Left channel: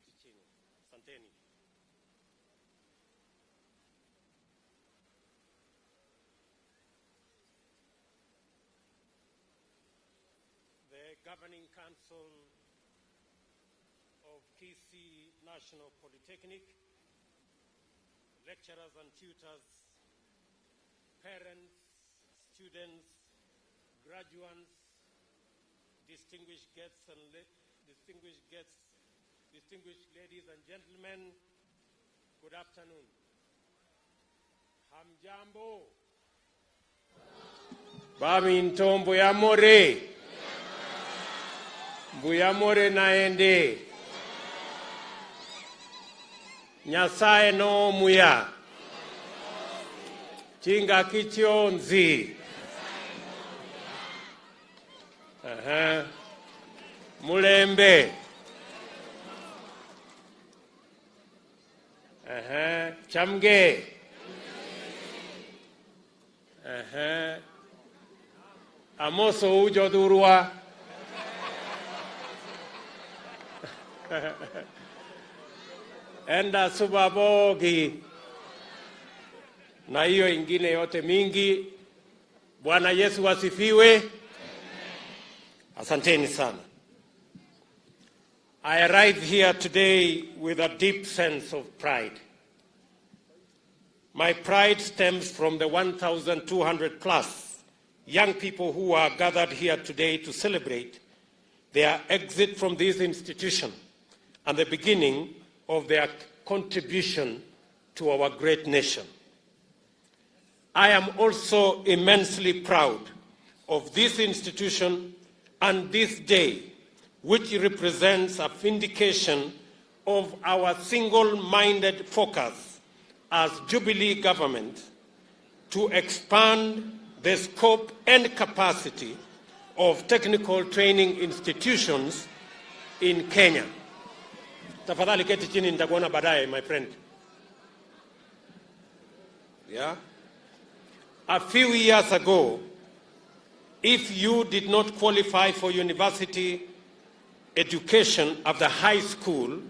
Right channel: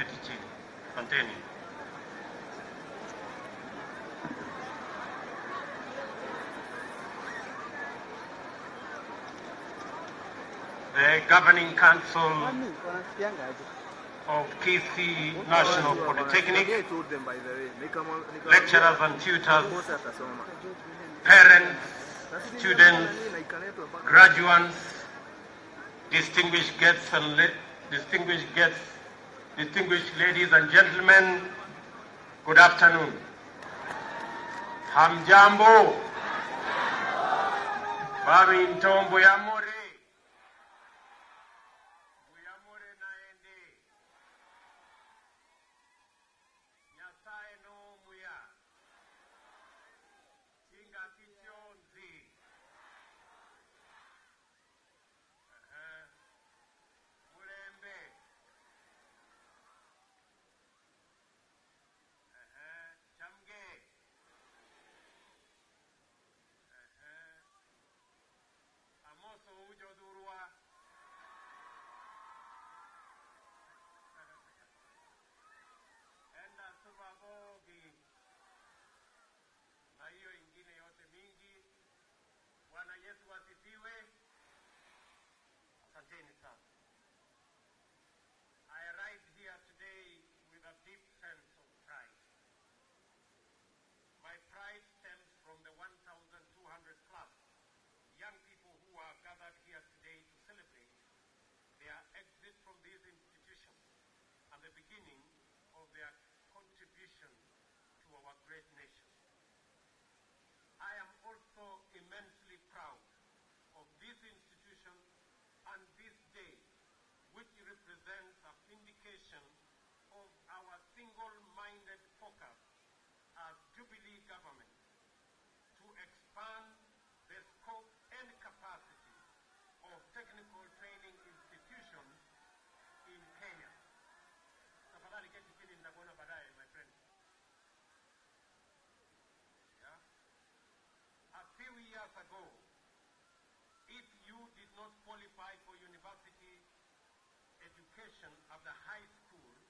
keti chini. Asanteni. The Governing Council of Kisii National Polytechnic, lecturers and tutors, parents, students, graduates, distinguished guests and distinguished ladies and gentlemen, good afternoon. Hamjambo. Barrington Buyamore. Buyamore naende. Nyasaye no muya. Chinga kichionzi. Mulembe. Chamge. Amoso ujodurwa. Enda subabogi. Na hiyo ingine yote mingi. Bwana Yesu asifiwe. Asanteni sana. I arrive here today with a deep sense of pride. My pride stems from the 1,200 plus young people who are gathered here today to celebrate their exit from this institution and the beginning of their contribution to our great nation. I am also immensely proud of this institution and this day, which represents a vindication of our single-minded focus as Jubilee government to expand the scope and capacity of technical training institutions in Kenya. Tafadhali keti chini, nitakuona baadaye, my friend. Yeah? A few years ago, if you did not qualify for university education at the high school,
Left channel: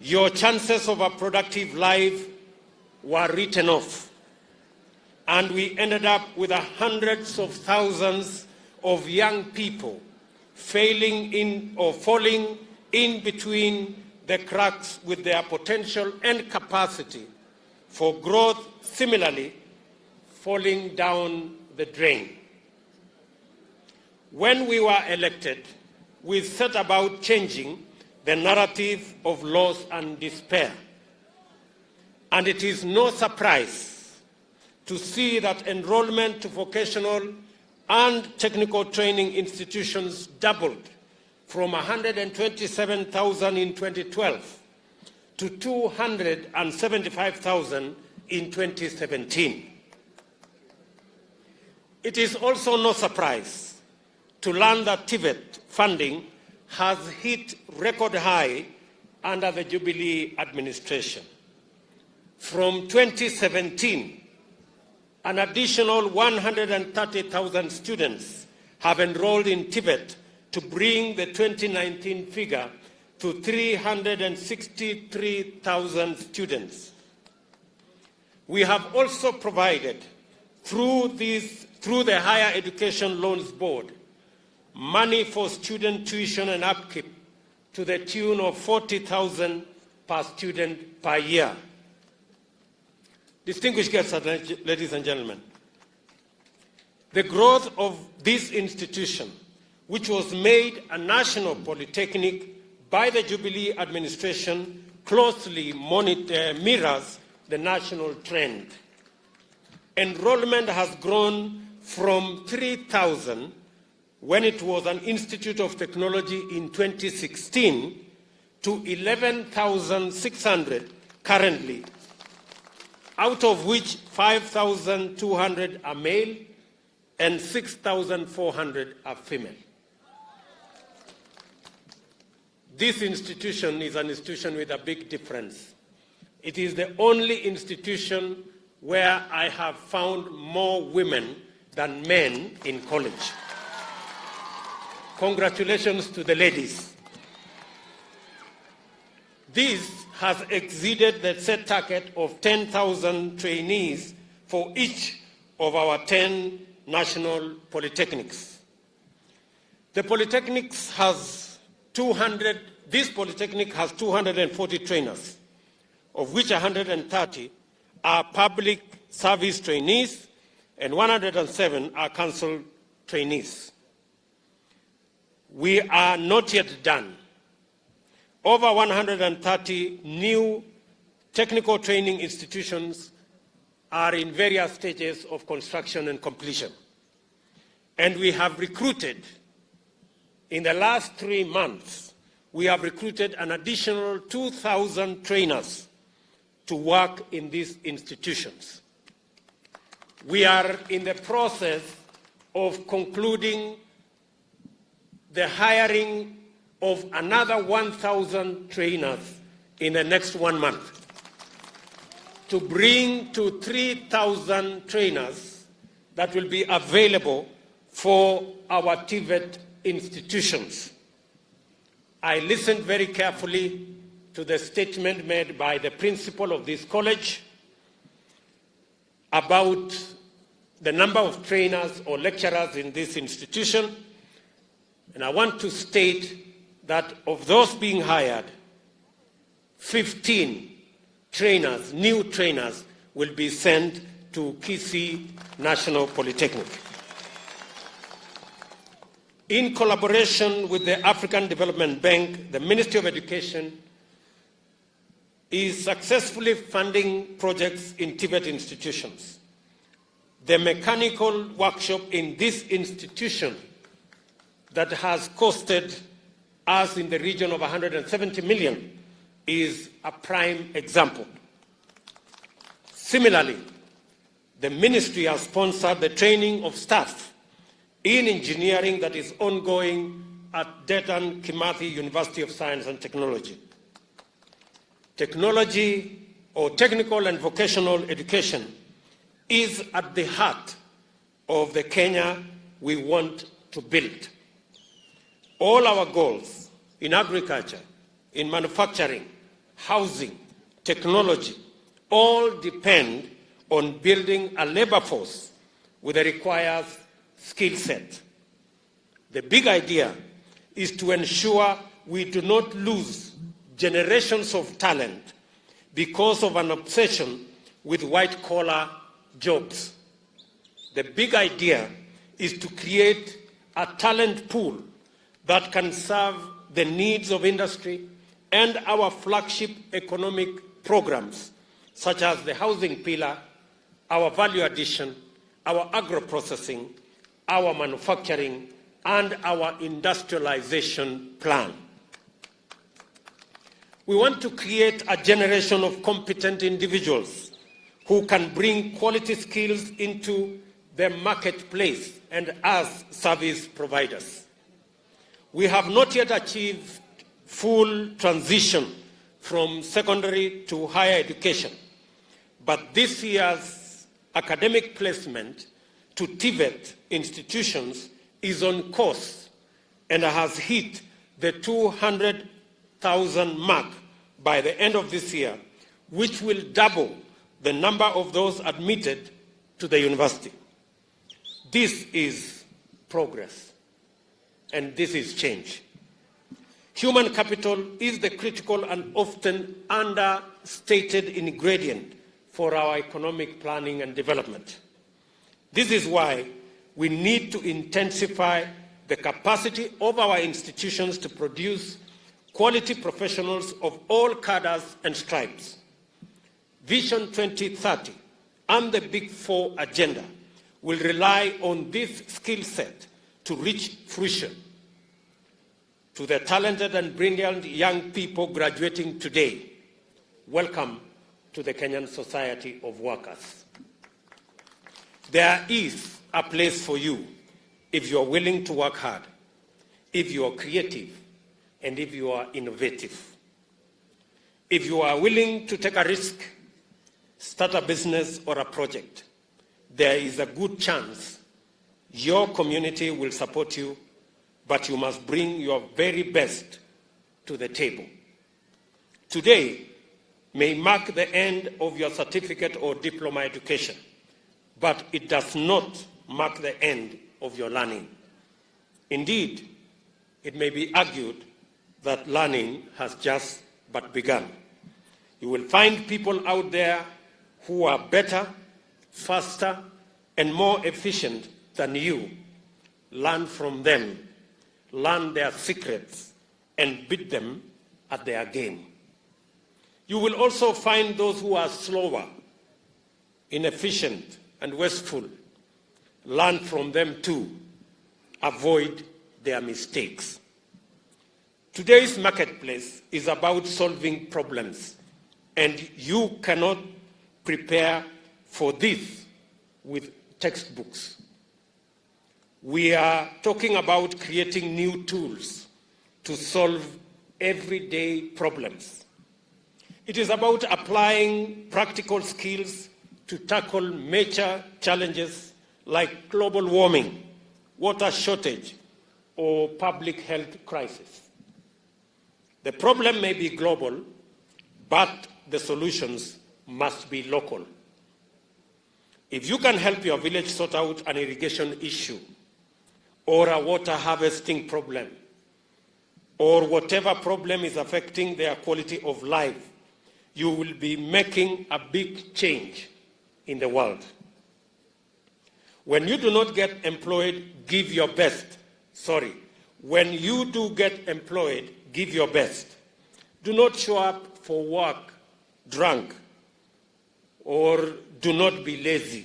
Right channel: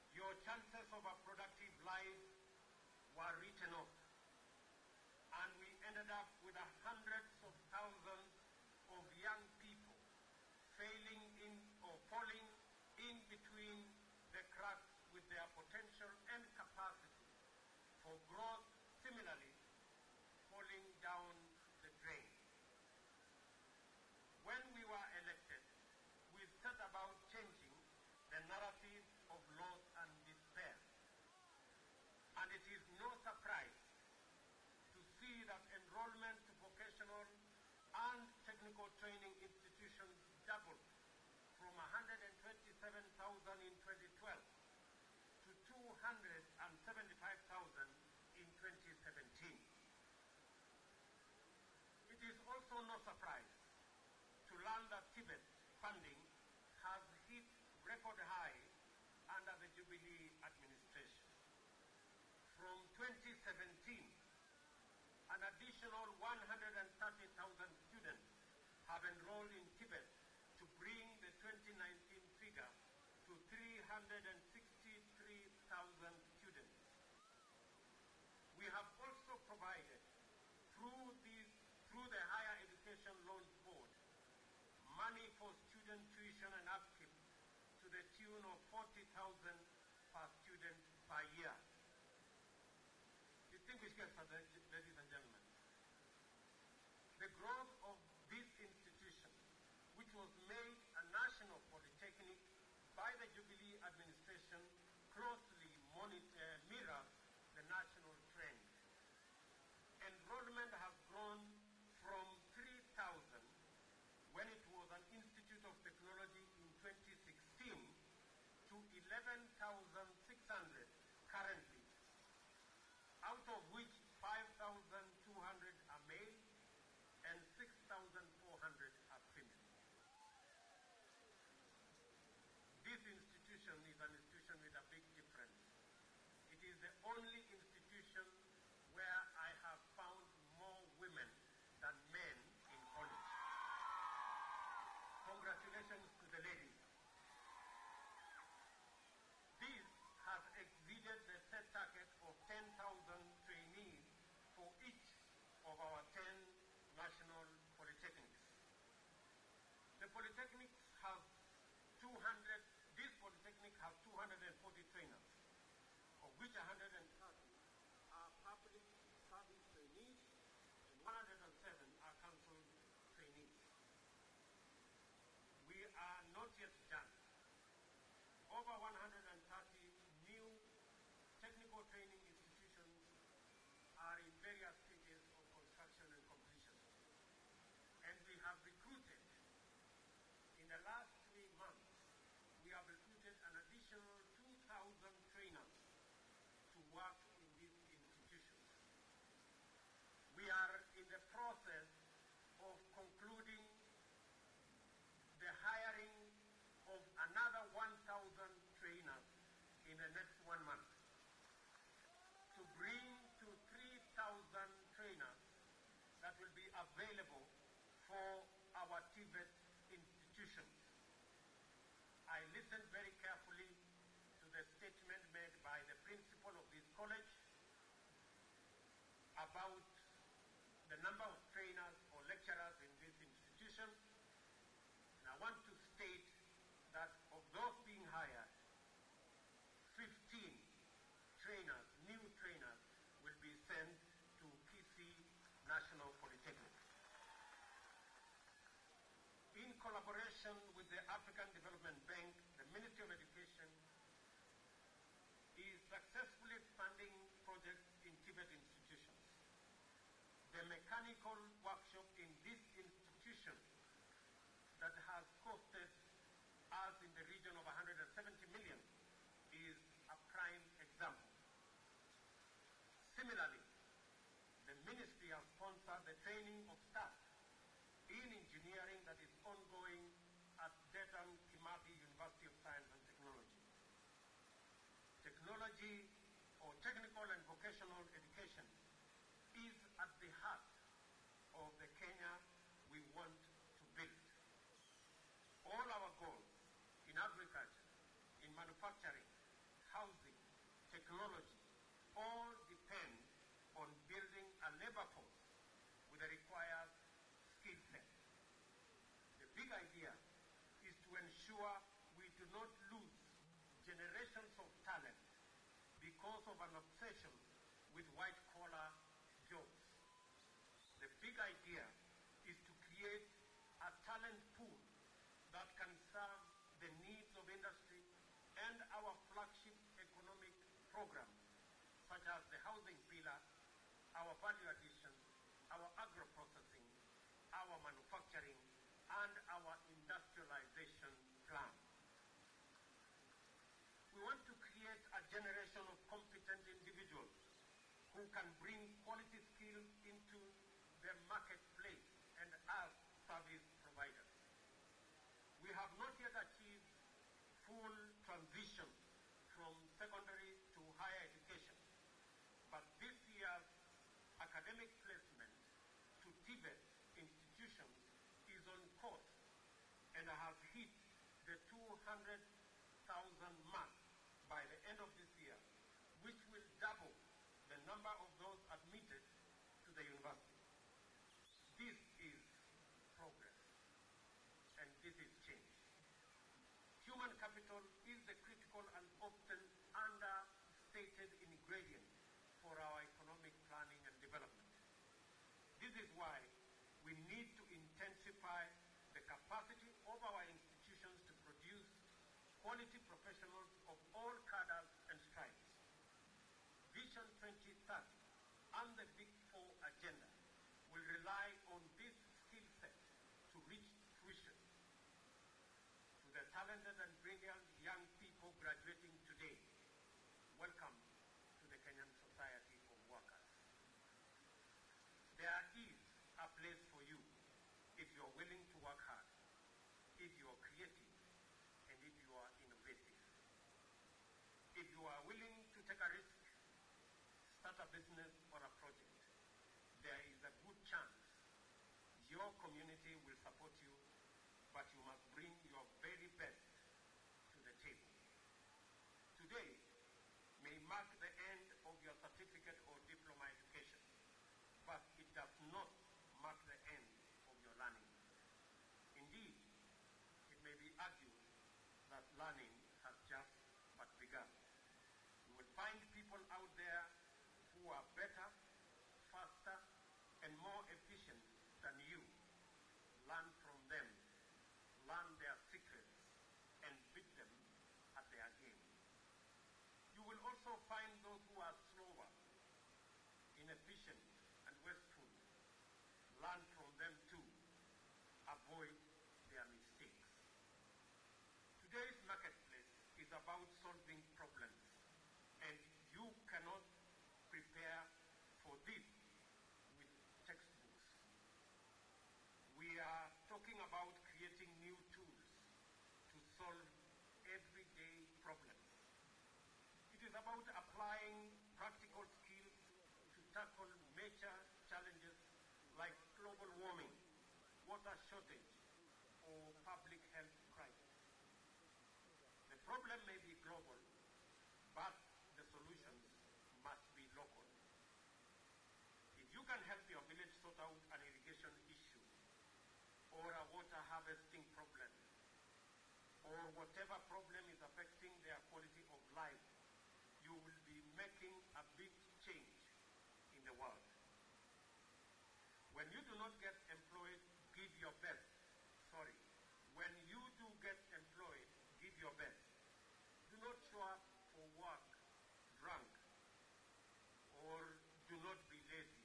your chances of a productive life were written off. And we ended up with hundreds of thousands of young people failing in or falling in between the cracks with their potential and capacity for growth, similarly falling down the drain. When we were elected, we set about changing the narrative of loss and despair. And it is no surprise to see that enrollment to vocational and technical training institutions doubled from 127,000 in 2012 to 275,000 in 2017. It is also no surprise to learn that TVET funding has hit record high under the Jubilee administration. From 2017, an additional 130,000 students have enrolled in TVET to bring the 2019 figure to 363,000 students. We have also provided, through the Higher Education Loans Board, money for student tuition and upkeep to the tune of 40,000 per student per year. Distinguished guests, ladies and gentlemen, the growth of this institution, which was made a national polytechnic by the Jubilee administration, closely mirrors the national trend. Enrollment has grown from 3,000 when it was an Institute of Technology in 2016 to 11,600 currently, out of which 5,200 are male and 6,400 are female. This institution is an institution with a big difference. It is the only institution where I have found more women than men in college. Congratulations to the ladies. This has exceeded the set target of 10,000 trainees for each of our 10 national polytechnics. The Polytechnics has 200, this Polytechnic has 240 trainers, of which 130 are public service trainees and 107 are council trainees. We are not yet done. Over 130 new technical training institutions are in various stages of construction and completion. And we have recruited, in the last 3 months, we have recruited an additional 2,000 trainers to work in these institutions. We are in the process of concluding the hiring of another 1,000 trainers in the next 1 month to bring to 3,000 trainers that will be available for our TVET institutions. I listened very carefully to the statement made by the principal of this college about the number of trainers or lecturers in this institution, and I want to state that of those being hired, 15 trainers, new trainers, will be sent to Kisii National Polytechnic. In collaboration with the African Development Bank, the Ministry of Education is successfully funding projects in TVET institutions. The mechanical workshop in this institution that has costed us in the region of 170 million is a prime example. Similarly, the ministry has sponsored the training of staff in engineering that is ongoing at Dedan Kimathi University of Science and Technology. Technology or technical and vocational education is at the heart of the Kenya we want to build. All our goals in agriculture, in manufacturing, housing, technology, all depend on building a labor force with a required skill set. The big idea is to ensure we do not lose generations of talent because of an obsession with white-collar jobs. The big idea is to create a talent pool that can serve the needs of industry and our flagship economic programs, such as the housing pillar, our value addition, our agro-processing, our manufacturing, and our industrialization plan. We want to create a generation of competent individuals who can bring quality skills into the marketplace and as service providers. We have not yet achieved full transition from secondary to higher education, but this year's academic placement to TVET institutions is on course and has hit the 200,000 mark by the end of this year, which will double the number of those admitted to the university. This is progress, and this is change. Human capital is the critical and often understated ingredient for our economic planning and development. This is why we need to intensify the capacity of our institutions to produce quality professionals of all cadres and stripes. Vision 2030 and the Big Four agenda will rely on this skill set to reach fruition. To the talented and brilliant young people graduating today, welcome to the Kenyan Society of Workers. There is a place for you if you are willing to work hard, if you are creative, and if you are innovative. If you are willing to take a risk, start a business or a project, there is a good chance your community will support you, but you must bring your very best to the table. Today may mark the end of your certificate or diploma education, but it does not mark the end of your learning. Indeed, it may be argued that learning has just but begun. You will find people out there who are better, faster, and more efficient than you. Learn from them, learn their secrets, and beat them at their game. You will also find those who are slower, inefficient, and wasteful. Learn from them too. Avoid their mistakes. Today's marketplace is about solving problems, and you cannot prepare for this with textbooks. We are talking about creating new tools to solve everyday problems. It is about applying practical skills to tackle major challenges like global warming, water shortage, or public health crisis. The problem may be global, but the solutions must be local. If you can help your village sort out an irrigation issue, or a water harvesting problem, or whatever problem is affecting their quality of life, you will be making a big change in the world. When you do not get employed, give your best. When you do get employed, give your best. Do not show up for work drunk, or do not be lazy.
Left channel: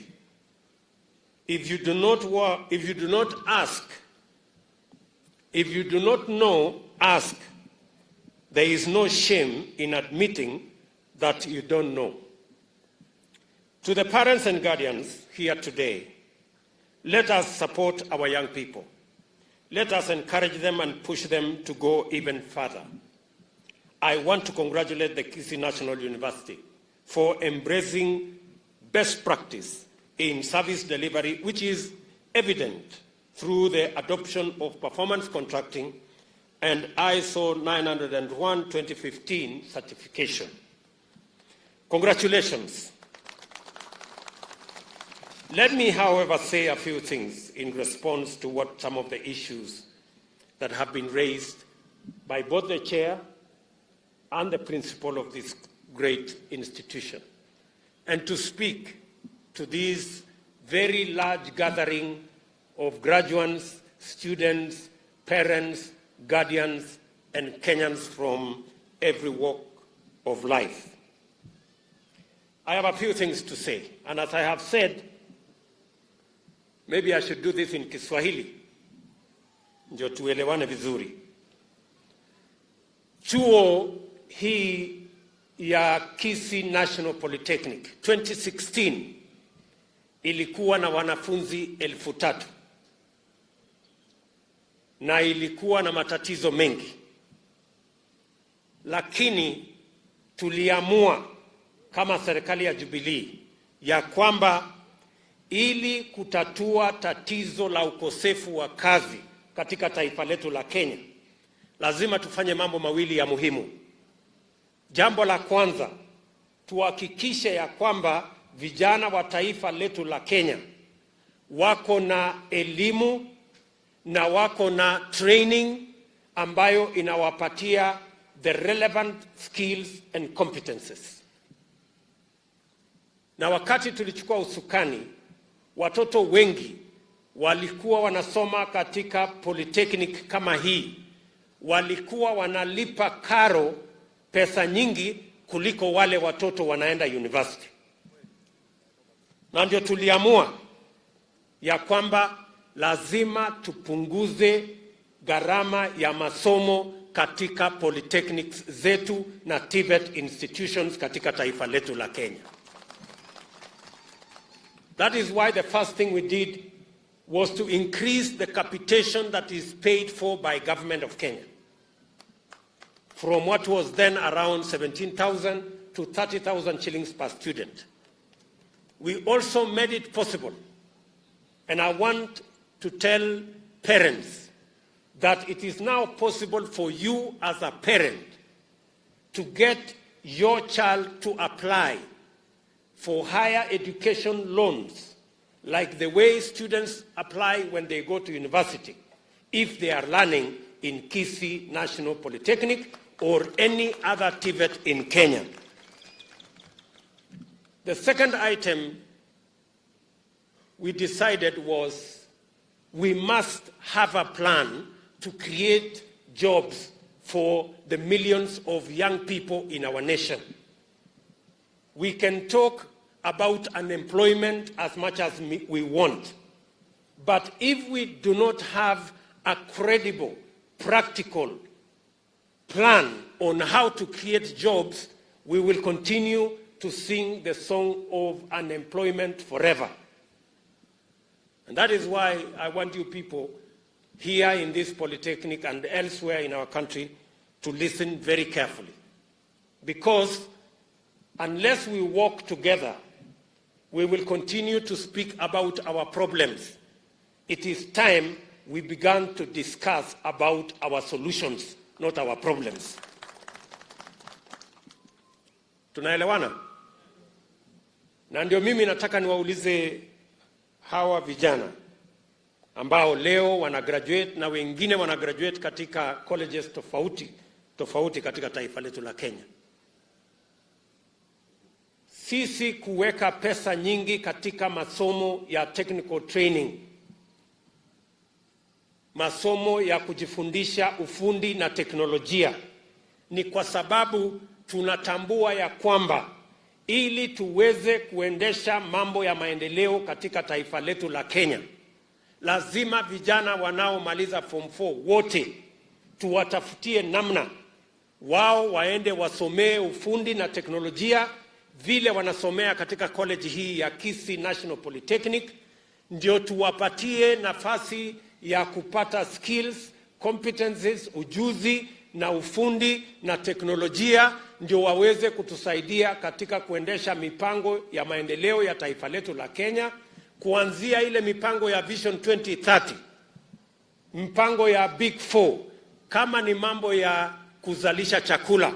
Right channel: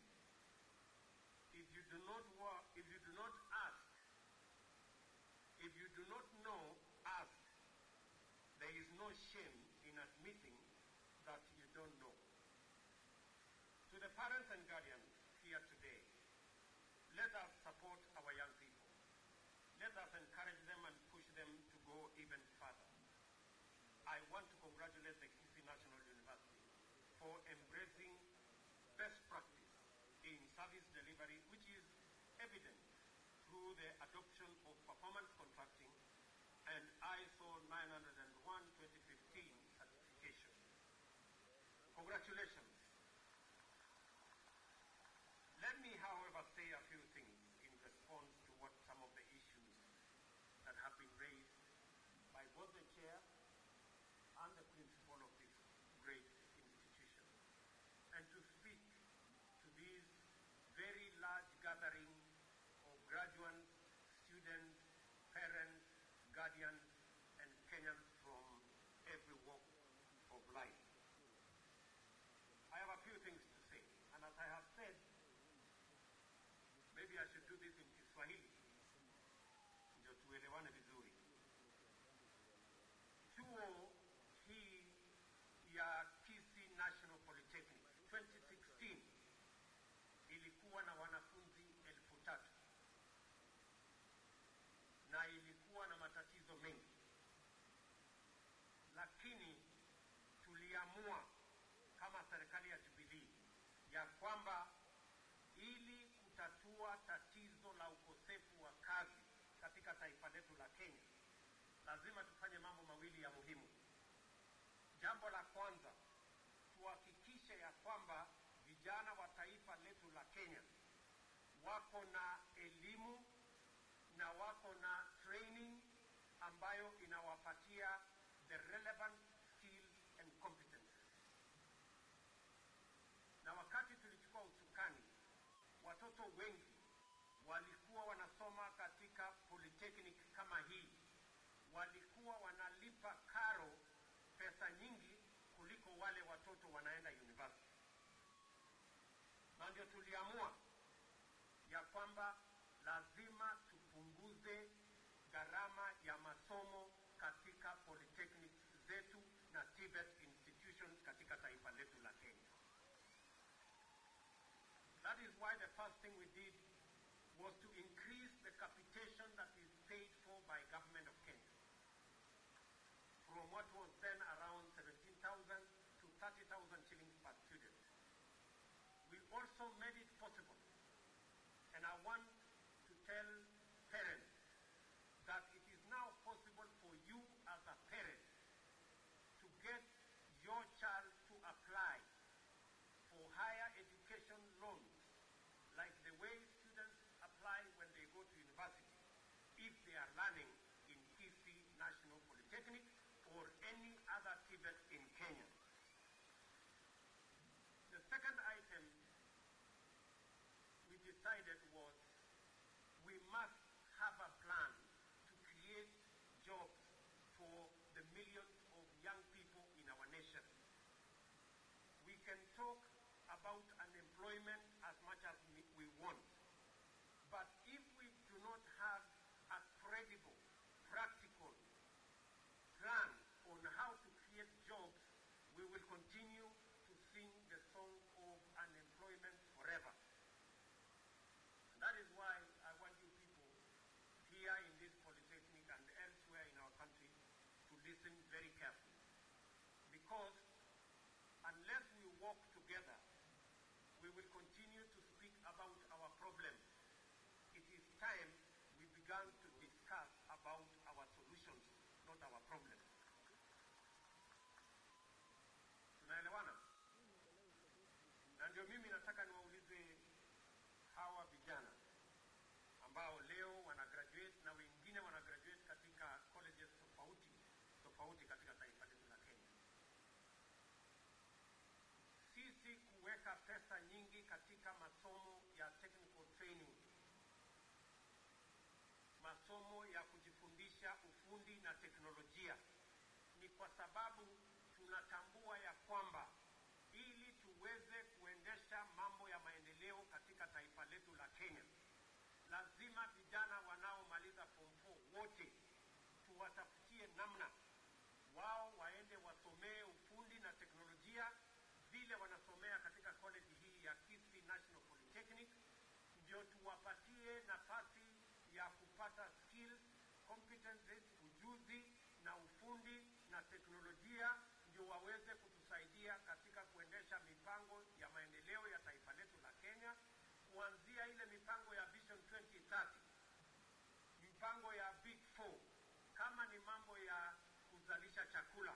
If you do not ask, if you do not know, ask. There is no shame in admitting that you don't know. To the parents and guardians here today, let us support our young people. Let us encourage them and push them to go even further. I want to congratulate the Kisii National University for embracing best practice in service delivery, which is evident through the adoption of performance contracting and ISO 901-2015 certification. Congratulations. Let me, however, say a few things in response to what some of the issues that have been raised by both the chair and the principal of this great institution, and to speak to this very large gathering of graduates, students, parents, guardians, and Kenyans from every walk of life. I have a few things to say, and as I have said, maybe I should do this in Kiswahili, ndio tuelewane vizuri. Chuo hii ya Kisii National Polytechnic 2016 ilikuwa na wanafunzi 3,000 na ilikuwa na matatizo mengi, lakini tuliamua kama serikali ya Jubilee ya kwamba ili kutatua tatizo la ukosefu wa kazi katika taifa letu la Kenya, lazima tufanye mambo mawili ya muhimu. Jambo la kwanza, tuhakikishe ya kwamba vijana wa taifa letu la Kenya wako na elimu na wako na training ambayo inawapatia the relevant skills and competences. Na wakati tulichukua usukani, watoto wengi walikuwa wanasoma katika Polytechnic kama hii, walikuwa wanalipa karo pesa nyingi kuliko wale watoto wanaenda university. Na ndio tuliamua ya kwamba lazima tupunguze gharama ya masomo katika polytechnics zetu na TVET institutions katika taifa letu la Kenya. That is why the first thing we did was to increase the capitation that is paid for by government of Kenya from what was then around 17,000 to 30,000 shillings per student. We also made it possible, and I want to tell parents that it is now possible for you as a parent to get your child to apply for higher education loans, like the way students apply when they go to university, if they are learning in Kisii National Polytechnic or any other TVET in Kenya. The second item we decided was we must have a plan to create jobs for the millions of young people in our nation. We can talk about unemployment as much as we want, but if we do not have a credible, practical plan on how to create jobs, we will continue to sing the song of unemployment forever. And that is why I want you people here in this Polytechnic and elsewhere in our country to listen very carefully. Because unless we work together, we will continue to speak about our problems. It is time we began to discuss about our solutions, not our problems. Tunaelewana? Na ndio mimi nataka niwaulize hawa vijana ambao leo wanagraduate na wengine wanagraduate katika colleges tofauti katika taifa letu la Kenya. Sisi kuweka pesa nyingi katika masomo ya technical training, masomo ya kujifundisha ufundi na teknolojia, ni kwa sababu tunatambua ya kwamba ili tuweze kuendesha mambo ya maendeleo katika taifa letu la Kenya, lazima vijana wanaomaliza form 4 wote tuwatafutie namna wao waende wasomee ufundi na teknolojia vile wanasomea katika college hii ya Kisii National Polytechnic, ndio tuwapatie nafasi ya kupata skills, competencies, ujuzi na ufundi na teknolojia, ndio waweze kutusaidia katika kuendesha mipango ya maendeleo ya taifa letu la Kenya, kuanzia ile mipango ya Vision 2030, mpango ya Big 4, kama ni mambo ya kuzalisha chakula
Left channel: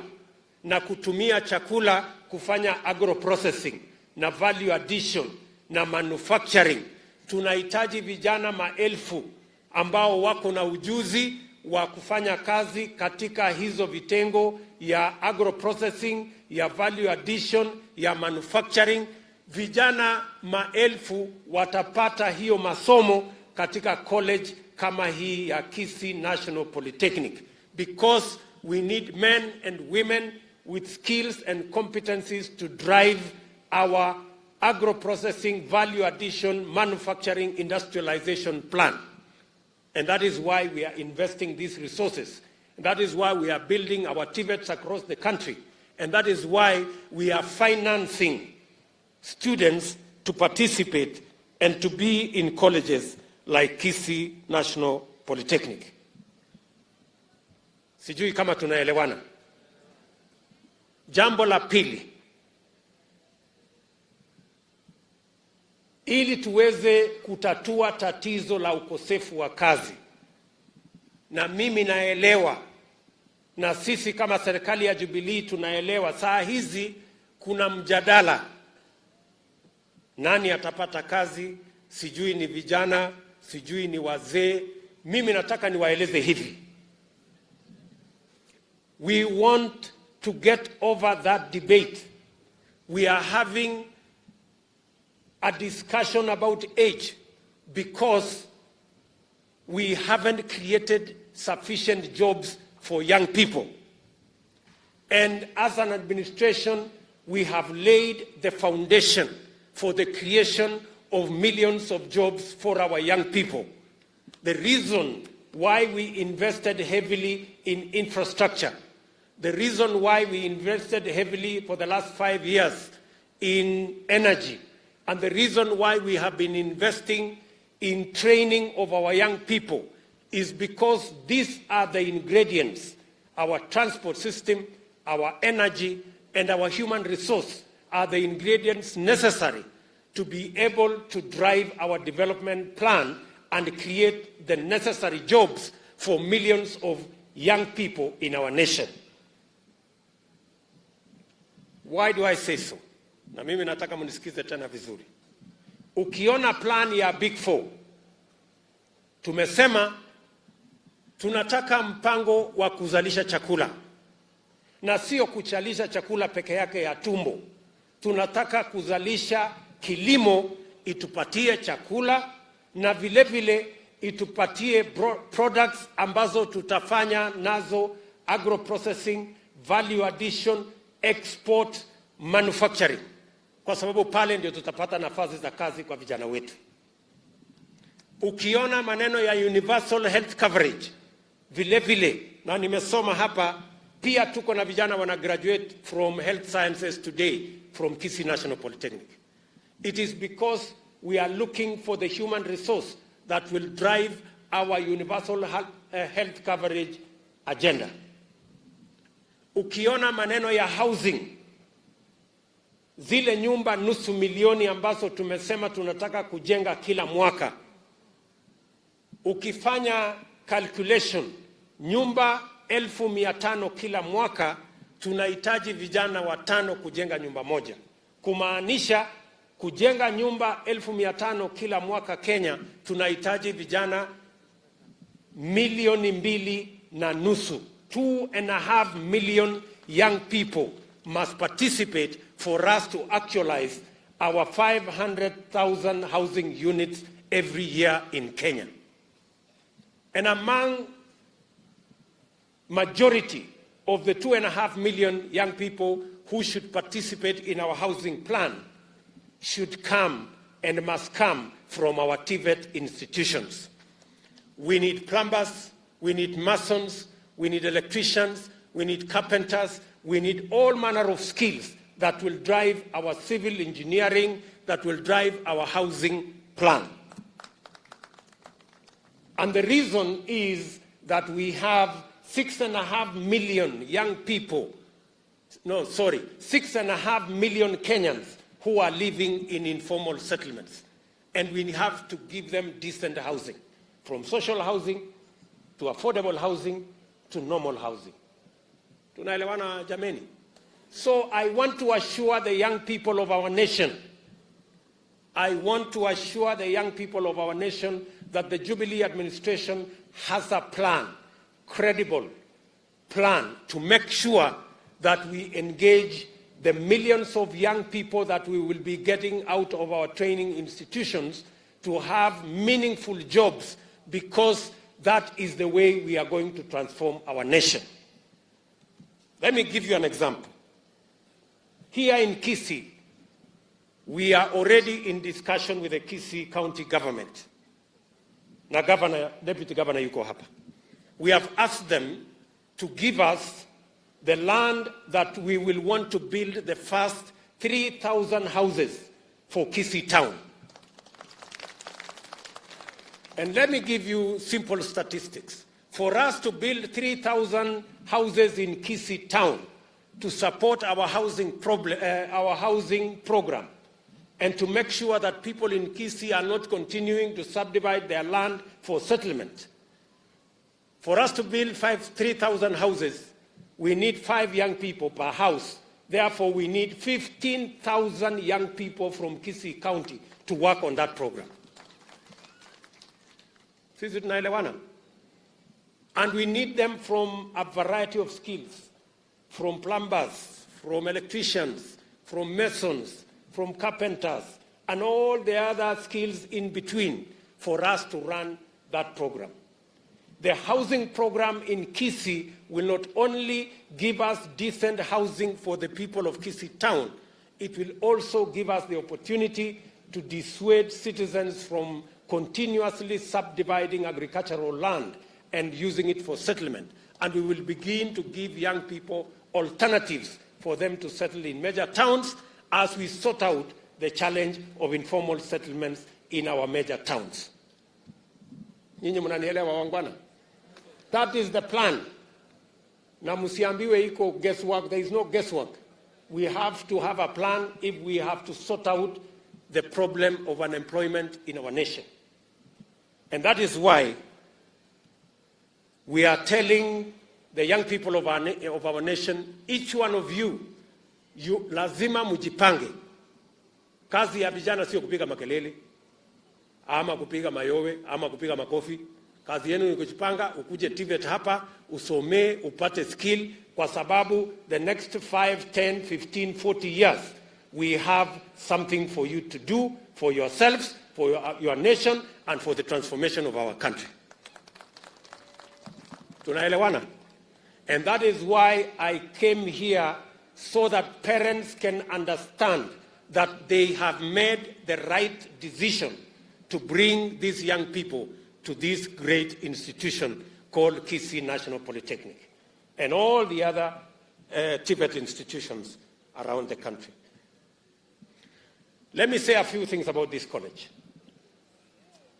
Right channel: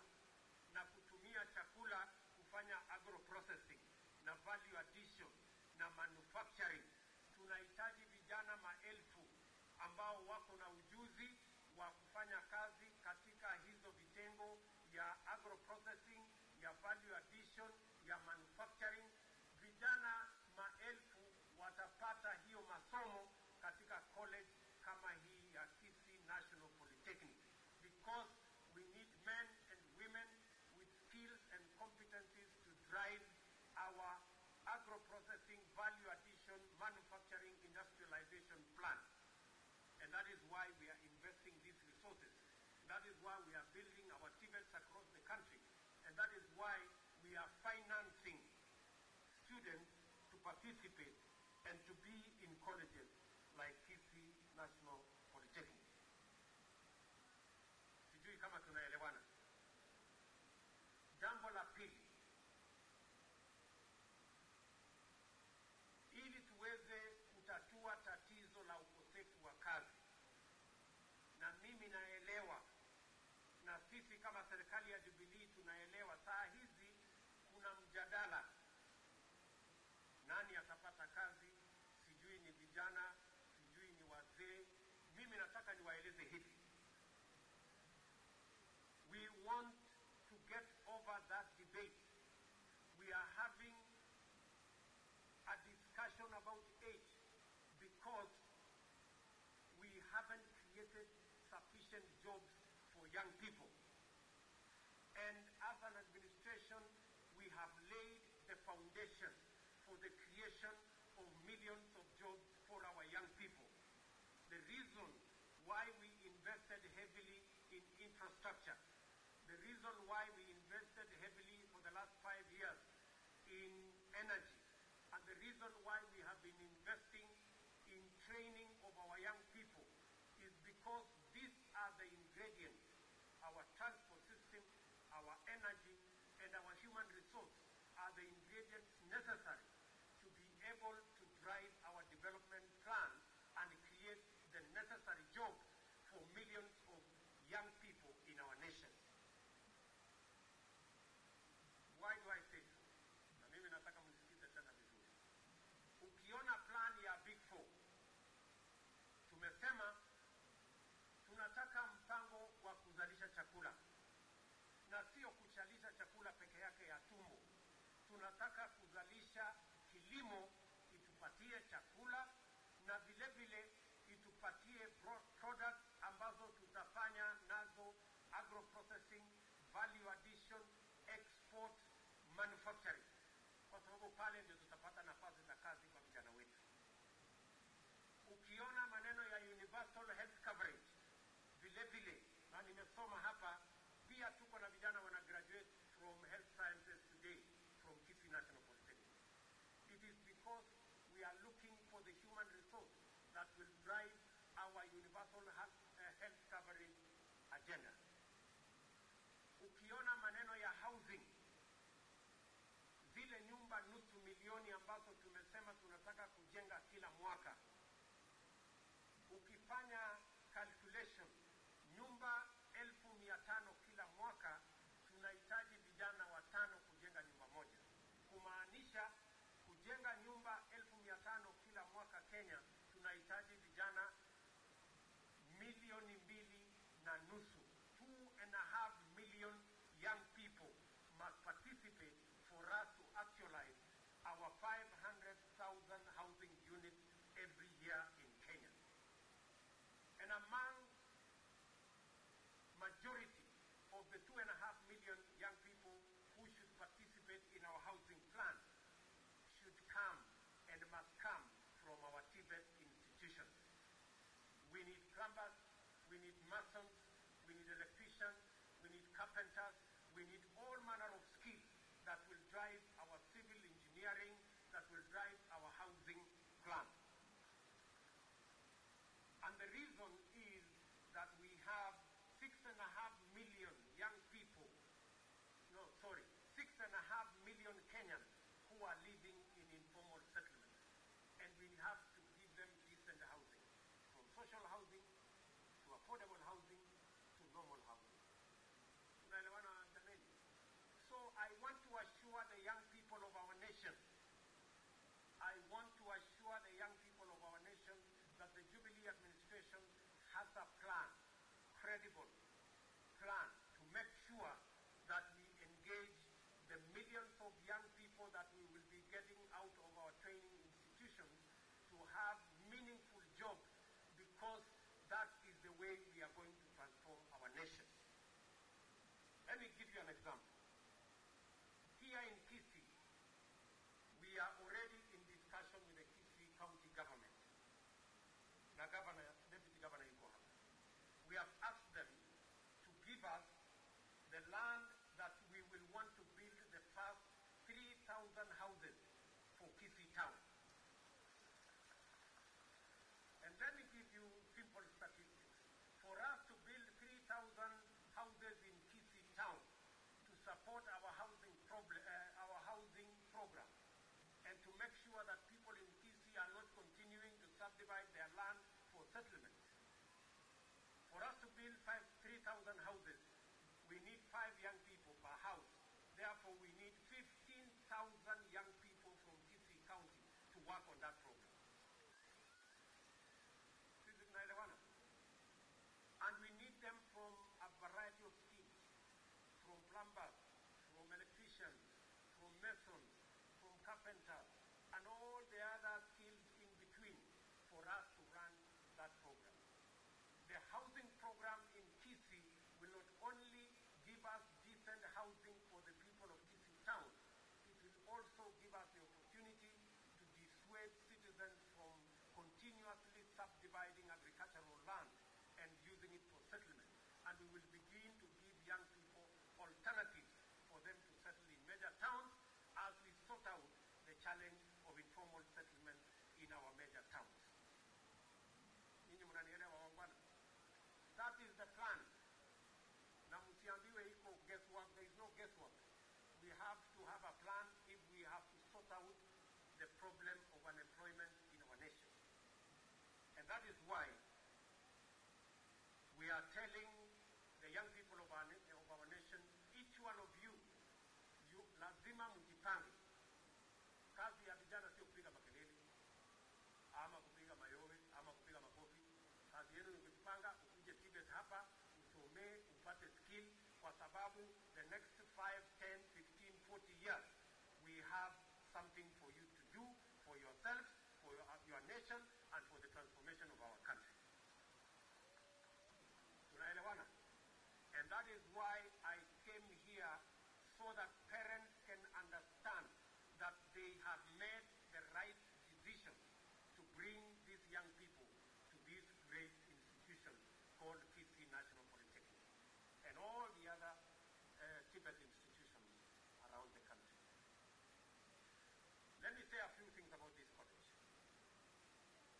na kutumia chakula kufanya agro-processing na value addition na manufacturing. Tunahitaji vijana maelfu ambao wako na ujuzi wa kufanya kazi katika hizo vitengo ya agro-processing, ya value addition, ya manufacturing. Vijana maelfu watapata hiyo masomo katika college kama hii ya Kisii National Polytechnic, because we need men and women with skills and competencies to drive our agro-processing, value addition, manufacturing, industrialization plan. And that is why we are investing these resources. That is why we are building our TVETs across the country. And that is why we are financing students to participate and to be in colleges like Kisii National Polytechnic. Sijui kama tunaelewana. Jambo la pili, ili tuweze kutatua tatizo la ukosefu wa kazi, na mimi naelewa na sisi kama serikali ya Jubilee tunaelewa, saa hizi kuna mjadala, nani atapata kazi, sijui ni vijana, sijui ni wazee. Mimi nataka niwaeleze hivi, we want to get over that debate. We are having a discussion about age because we haven't created sufficient jobs for young people. And as an administration, we have laid the foundation for the creation of millions of jobs for our young people. The reason why we invested heavily in infrastructure, the reason why we invested heavily for the last 5 years in energy, and the reason why we have been investing in training of our young people is because these are the ingredients, our transport system, our energy, and our human resource are the ingredients necessary to be able to drive our development plan and create the necessary jobs for millions of young people in our nation. Why do I say so? Na mimi nataka munisikize tena vizuri. Ukiona plan ya Big Four, tumesema tunataka mpango wa kuzalisha chakula. Na sio kuchalisha chakula peke yake ya tumbo. Tunataka kuzalisha kilimo itupatie chakula na vile vile itupatie products ambazo tutafanya nazo agro processing, value addition, export, manufacturing. Kwa sababu pale ndio tutapata nafasi za kazi kwa vijana wetu. Ukiona maneno ya universal health coverage, vile vile, na nimesoma hapa, pia tuko na vijana wana graduate from health sciences today from Kisii National Polytechnic. It is because we are looking for the human resource that will drive our universal health coverage agenda. Ukiona maneno ya housing, zile nyumba 500,000 ambazo tumesema tunataka kujenga kila mwaka, ukifanya calculation, nyumba 1,500 kila mwaka, tunahitaji vijana 5 kujenga nyumba moja. Kumaanisha kujenga nyumba 1,500 kila mwaka Kenya, tunahitaji vijana 2.5 million. 2.5 million young people must participate for us to actualize our 500,000 housing units every year in Kenya. And among majority of the 2.5 million young people who should participate in our housing plan should come and must come from our TVET institutions. We need plumbers, we need masons, we need electricians, we need carpenters, we need all manner of skills that will drive our civil engineering, that will drive our housing plan. And the reason is that we have 6.5 million young people, 6.5 million Kenyans who are living in informal settlements. And we have to give them decent housing, from social housing to affordable housing to normal housing. Tunaelewana jameni? So I want to assure the young people of our nation, that the Jubilee administration has a plan, credible plan, to make sure that we engage the millions of young people that we will be getting out of our training institutions to have meaningful jobs, because that is the way we are going to transform our nation. Let me give you an example. Here in Kisii, we are already in discussion with the Kisii County government. Na governor, deputy governor yuko hapa. We have asked them to give us the land that we will want to build the first 3,000 houses for Kisii town. And let me give you simple statistics. For us to build 3,000 houses in Kisii town to support our housing program, and to make sure that people in Kisii are not continuing to subdivide their land for settlement. For us to build 3,000 houses, we need 5 young people per house. Therefore, we need 15,000 young people from Kisii County to work on that program. Sisi tunaelewana? And we need them from a variety of skills, from plumbers, from electricians, from masons, from carpenters, and all the other skills in between for us to run that program. The housing program in Kisii will not only give us decent housing for the people of Kisii town, it will also give us the opportunity to dissuade citizens from continuously subdividing agricultural land and using it for settlement. And we will begin to give young people alternatives for them to settle in major towns as we sort out the challenge of informal settlements in our major towns. Nyinyi mnanielewa wangwana? That is the plan. Na msiambiwe iko guesswork. There is no guesswork. We have to have a plan if we have to sort out the problem of unemployment in our nation. And that is why we are telling the young people of our nation, each one of you lazima mjipange. Kazi ya vijana sio kupiga makelele ama kupiga mayowe ama kupiga makofi. Kazi yenu ni kujipanga, ukuje TVET hapa, usomee, upate skill, kwa sababu the next 5, 10, 15, 40 years we have something for you to do for yourselves, for your nation, and for the transformation of our country. Tunaelewana? And that is why I came here, so that parents can understand that they have made the right decision to bring these young people to this great institution called Kisii National Polytechnic and all the other TVET institutions around the country. Let me say a few things about this college.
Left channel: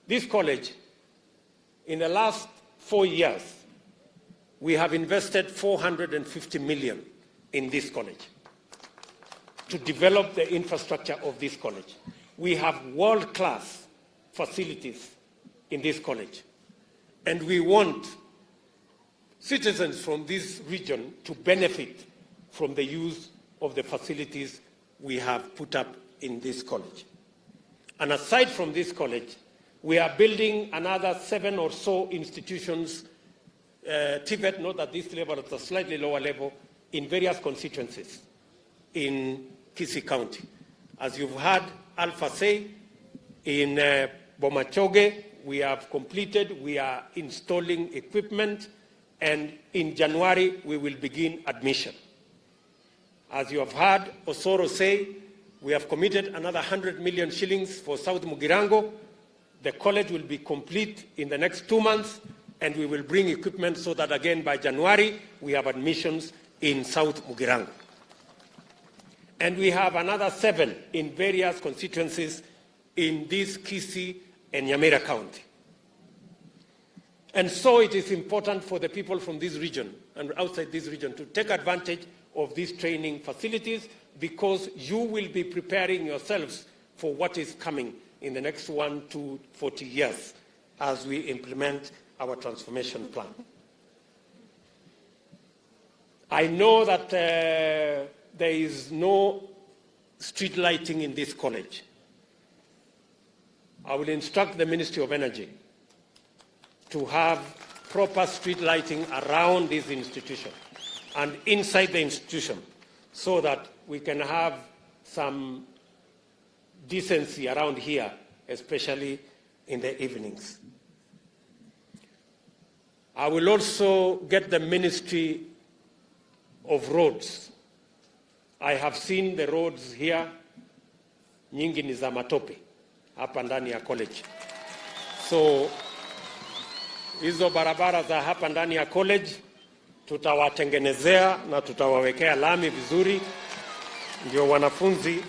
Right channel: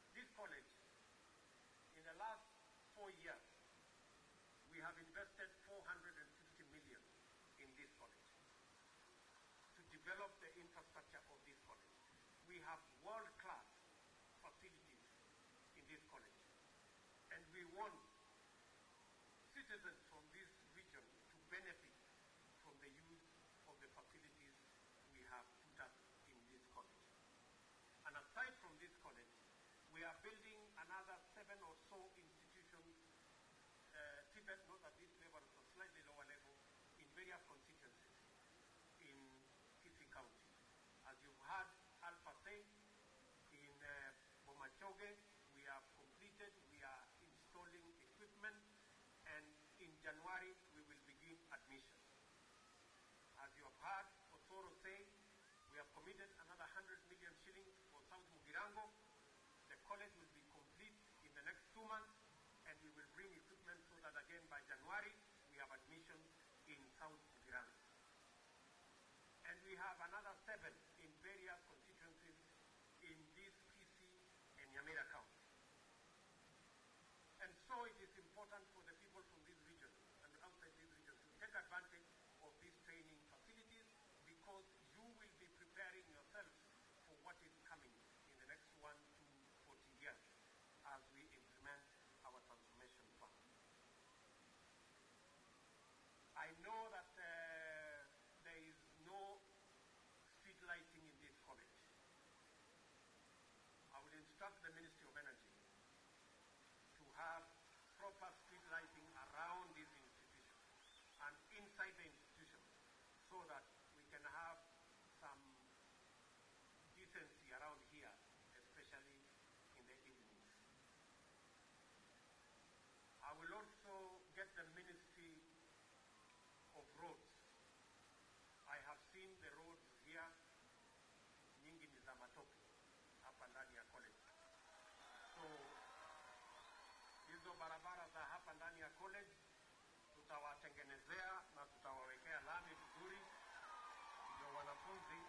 This college, in the last 4 years, we have invested 450 million in this college to develop the infrastructure of this college. We have world-class facilities in this college, and we want citizens from this region to benefit from the use of the facilities we have put up in this college. And aside from this college, we are building another 7 or so institutions, TVET, not at this level, at a slightly lower level, in various constituencies in Kisii County. As you've heard Alpha say, in Bomachoge, we have completed, we are installing equipment, and in January, we will begin admission. As you have heard Osoro say, we have committed another 100 million shillings for South Mugirango. The college will be complete in the next 2 months, and we will bring equipment so that again by January, we have admissions in South Mugirango. And we have another 7 in various constituencies in this Kisii and Nyamira County. And so it is important for the people from this region and outside this region to take advantage of these training facilities, because you will be preparing yourselves for what is coming in the next 1 to 40 years as we implement our transformation plan. I know that there is no street lighting in this college. I will instruct the Ministry of Energy to have proper street lighting around this institution and inside the institution, so that we can have some decency around here, especially in the evenings. I will also get the Ministry of Roads. I have seen the roads here, nyingi ni za matope hapa ndani ya college. So hizo barabara za hapa ndani ya college tutawatengenezea na tutawawekea lami vizuri, ndio wanafunzi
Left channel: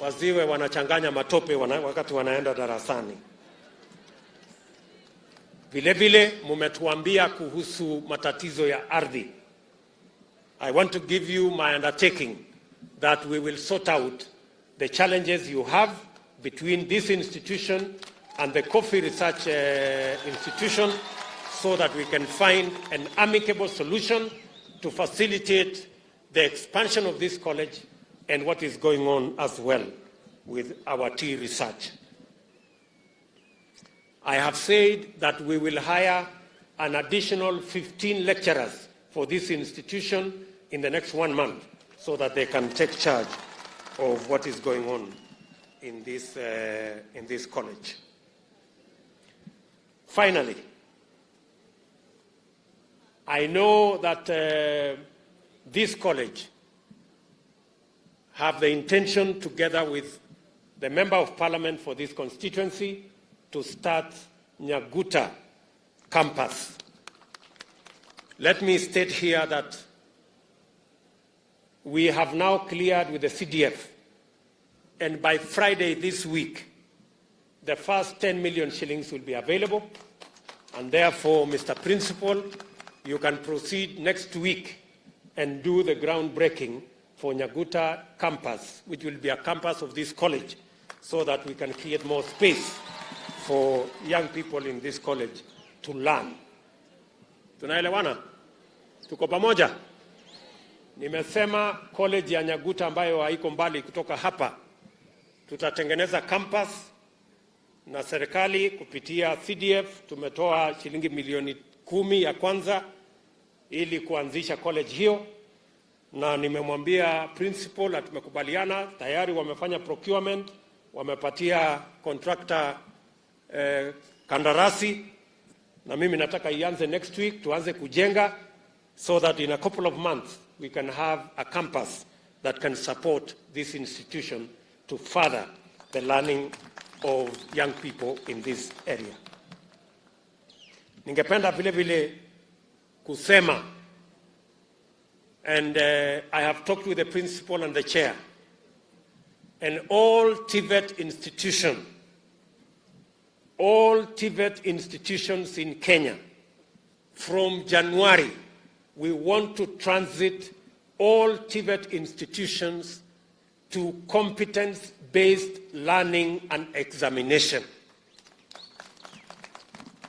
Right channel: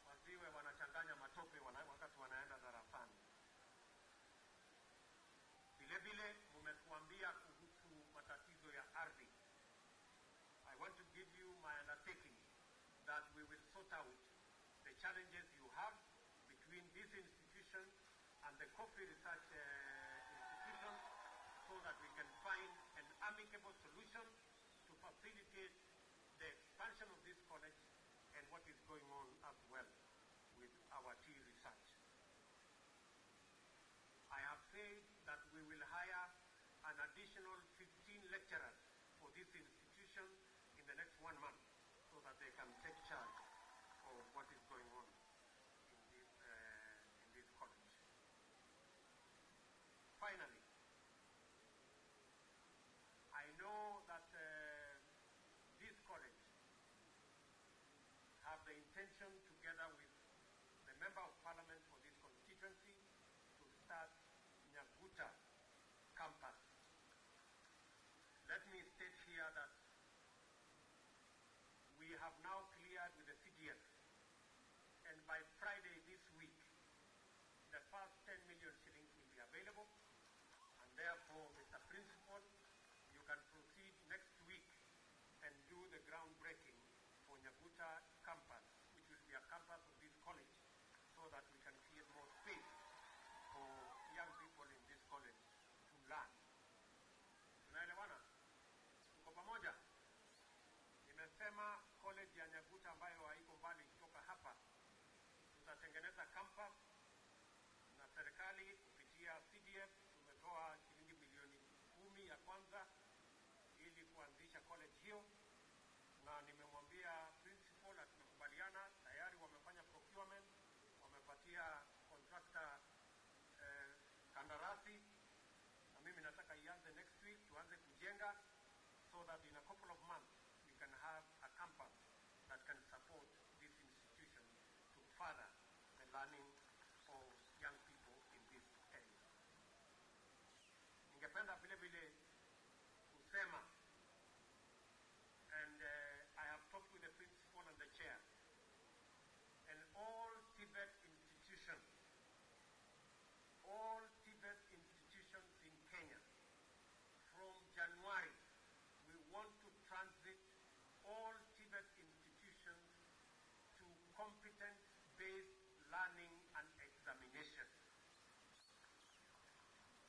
waziwe wanachanganya matope wakati wanaenda darasani. Vile vile mumetuambia kuhusu matatizo ya ardhi. I want to give you my undertaking that we will sort out the challenges you have between this institution and the Coffee Research Institution, so that we can find an amicable solution to facilitate the expansion of this college and what is going on as well with our tea research. I have said that we will hire an additional 15 lecturers for this institution in the next 1 month, so that they can take charge of what is going on in this college. Finally, I know that this college have the intention, together with the Member of Parliament for this constituency, to start Nyaguta campus. Let me state here that we have now cleared with the CDF, and by Friday this week, the first 10 million shillings will be available, and therefore, Mr. Principal, you can proceed next week and do the groundbreaking for Nyaguta campus, which will be a campus of this college, so that we can create more space for young people in this college to learn. Tunaelewana? Tuko pamoja? Nimesema college ya Nyaguta ambayo haiko mbali kutoka hapa, tutatengeneza campus na serikali kupitia CDF tumetoa shilingi milioni 10 ya kwanza ili kuanzisha college hiyo, na nimemwambia principal na tumekubaliana tayari, wamefanya procurement, wamepatia contractor kandarasi, na mimi nataka ianze next week, tuanze kujenga so that in a couple of months we can have a campus that can support this institution to further the learning of young people in this area. Ningependa vile vile kusema, and I have talked with the principal and the chair, and all TVET institutions in Kenya, from January, we want to transit all TVET institutions to competence-based learning and examination.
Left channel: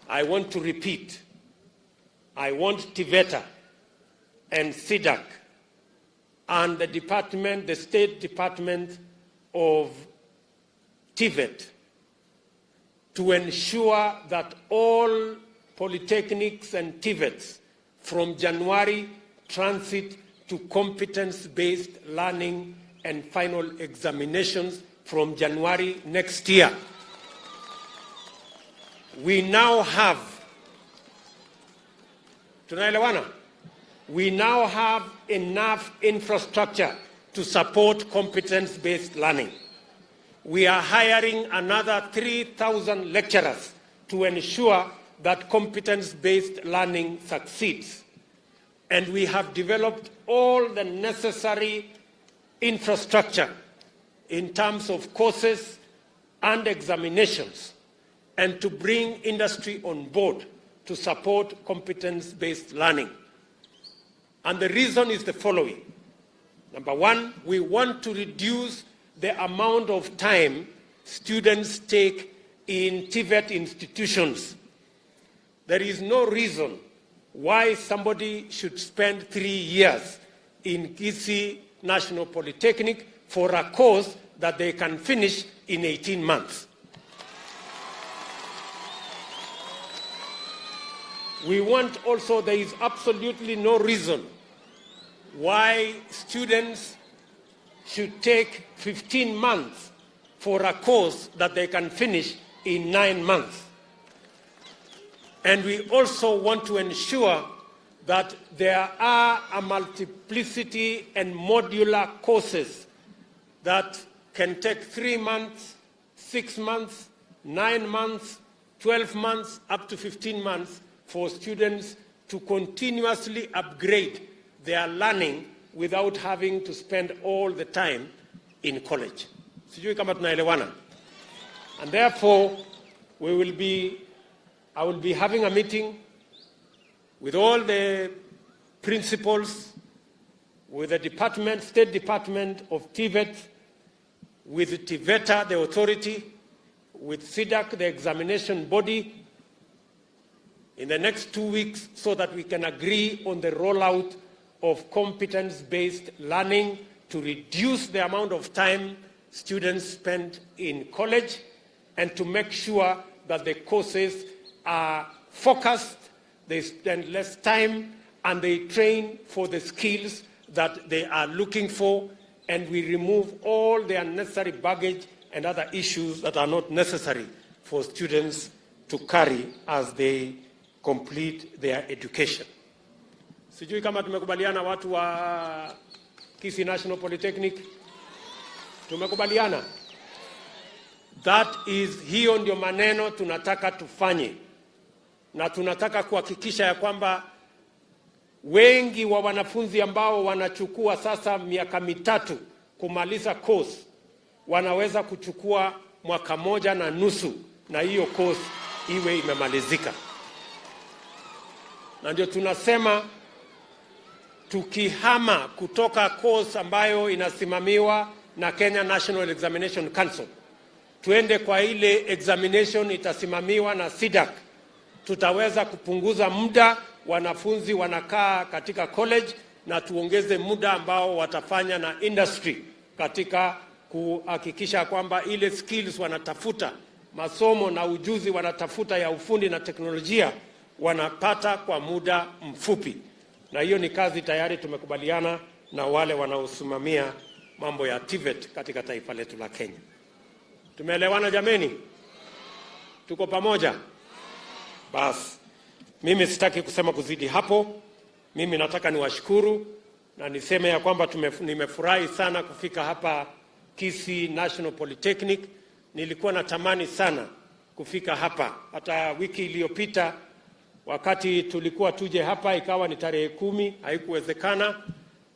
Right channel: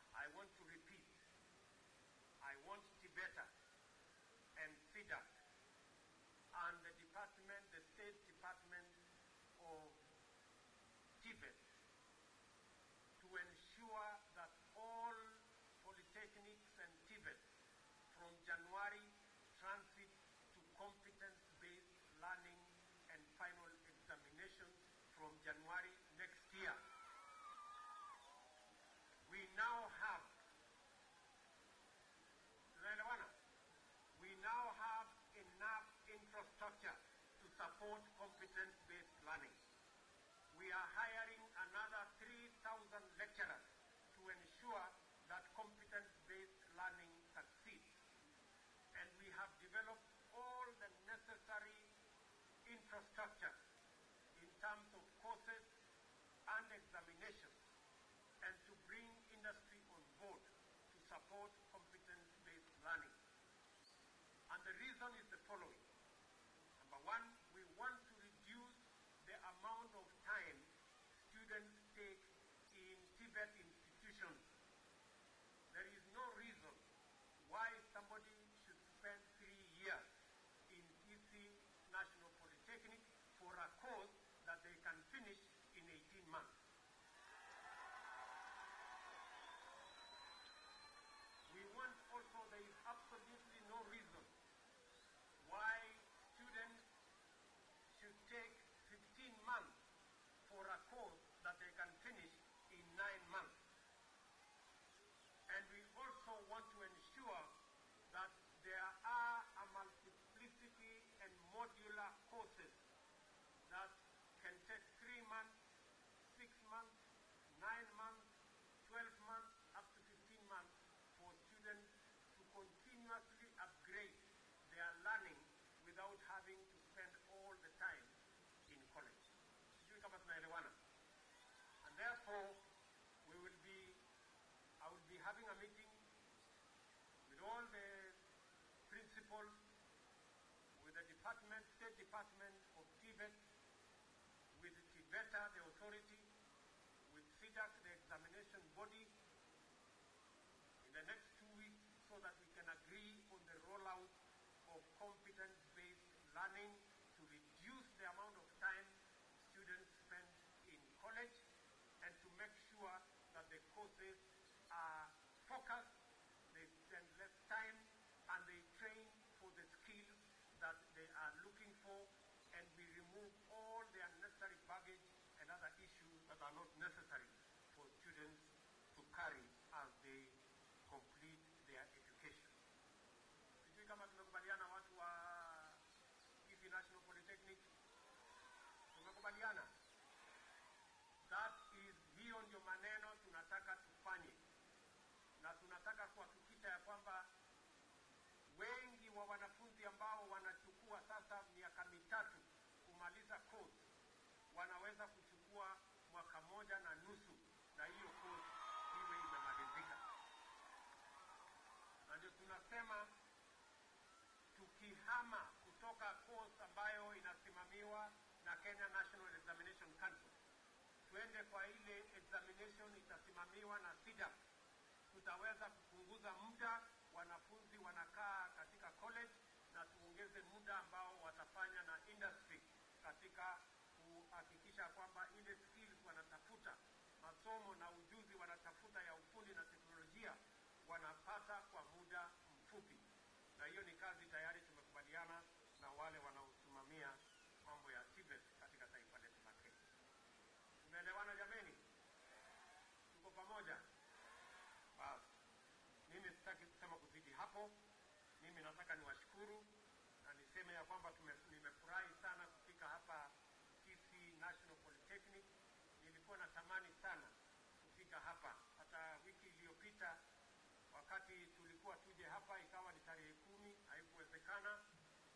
I want to repeat, I want TVETA and SIDAC and the State Department of TVET to ensure that all polytechnics and TVETs from January transit to competence-based learning and final examinations from January next year. We now have, tunaelewana? We now have enough infrastructure to support competence-based learning. We are hiring another 3,000 lecturers to ensure that competence-based learning succeeds. And we have developed all the necessary infrastructure in terms of courses and examinations, and to bring industry on board to support competence-based learning. And the reason is the following. Number one, we want to reduce the amount of time students take in TVET institutions. There is no reason why somebody should spend 3 years in Kisii National Polytechnic for a course that they can finish in 18 months. We want also, there is absolutely no reason why students should take 15 months for a course that they can finish in 9 months. And we also want to ensure that there are a multiplicity and modular courses that can take 3 months, 6 months, 9 months, 12 months, up to 15 months for students to continuously upgrade their learning without having to spend all the time in college. Sijui kama tunaelewana. And therefore, I will be having a meeting with all the principals, with the State Department of TVET, with TVETA, the authority, with SIDAC, the examination body, in the next 2 weeks, so that we can agree on the rollout of competence-based learning to reduce the amount of time students spend in college, and to make sure that the courses are focused, they spend less time, and they train for the skills that they are looking for, and we remove all the unnecessary baggage and other issues that are not necessary for students to carry as they complete their education. Sijui kama tumekubaliana watu wa Kisii National Polytechnic. Tumekubaliana. That is, hiyo ndio maneno tunataka tufanye. Na tunataka kuhakikisha ya kwamba wengi wa wanafunzi ambao wanachukua sasa miaka mitatu kumaliza course wanaweza kuchukua 1.5 mwaka na hiyo course iwe imemalizika. Na ndio tunasema tukihama kutoka course ambayo inasimamiwa na Kenya National Examination Council tuende kwa ile examination itasimamiwa na SIDAC, tutaweza kupunguza muda wanafunzi wanakaa katika college na tuongeze muda ambao watafanya na industry katika kuhakikisha kwamba ile skills wanatafuta, masomo na ujuzi wanatafuta ya ufundi na teknolojia wanapata kwa muda mfupi. Na hiyo ni kazi tayari tumekubaliana na wale wanaosimamia mambo ya TVET katika taifa letu la Kenya. Tumeelewana jameni? Tuko pamoja? Basi mimi sitaki kusema kuzidi hapo. Mimi nataka niwashukuru na niseme ya kwamba nimefurahi sana kufika hapa Kisii National Polytechnic. Nilikuwa natamani sana kufika hapa. Hata wiki iliyopita wakati tulikuwa tuje hapa ikawa ni tarehe 10, haikuwezekana.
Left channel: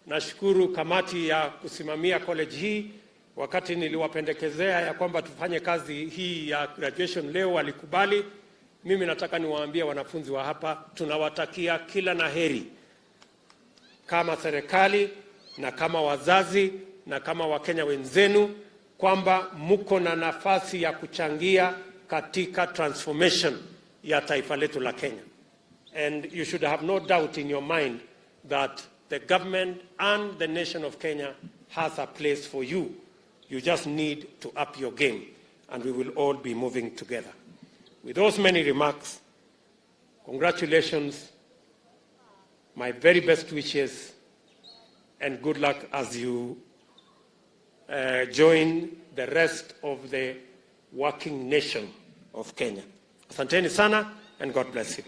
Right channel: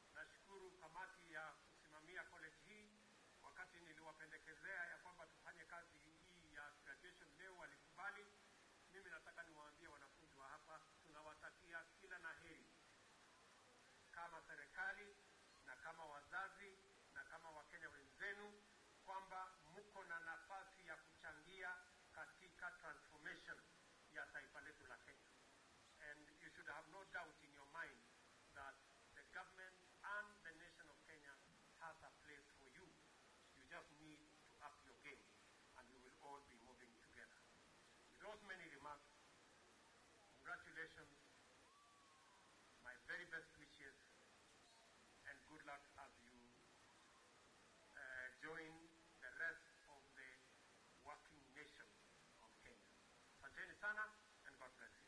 Nashukuru kamati ya kusimamia college hii, wakati niliwapendekezea ya kwamba tufanye kazi hii ya graduation leo walikubali. Mimi nataka niwaambie wanafunzi wa hapa tunawatakia kila laheri kama serikali na kama wazazi na kama Wakenya wenzenu, kwamba mko na nafasi ya kuchangia katika transformation ya taifa letu la Kenya. And you should have no doubt in your mind that the government and the nation of Kenya has a place for you. You just need to up your game, and we will all be moving together. With those many remarks, congratulations, my very best wishes, and good luck as you join the rest of the working nation of Kenya. Asanteni sana, and God bless you.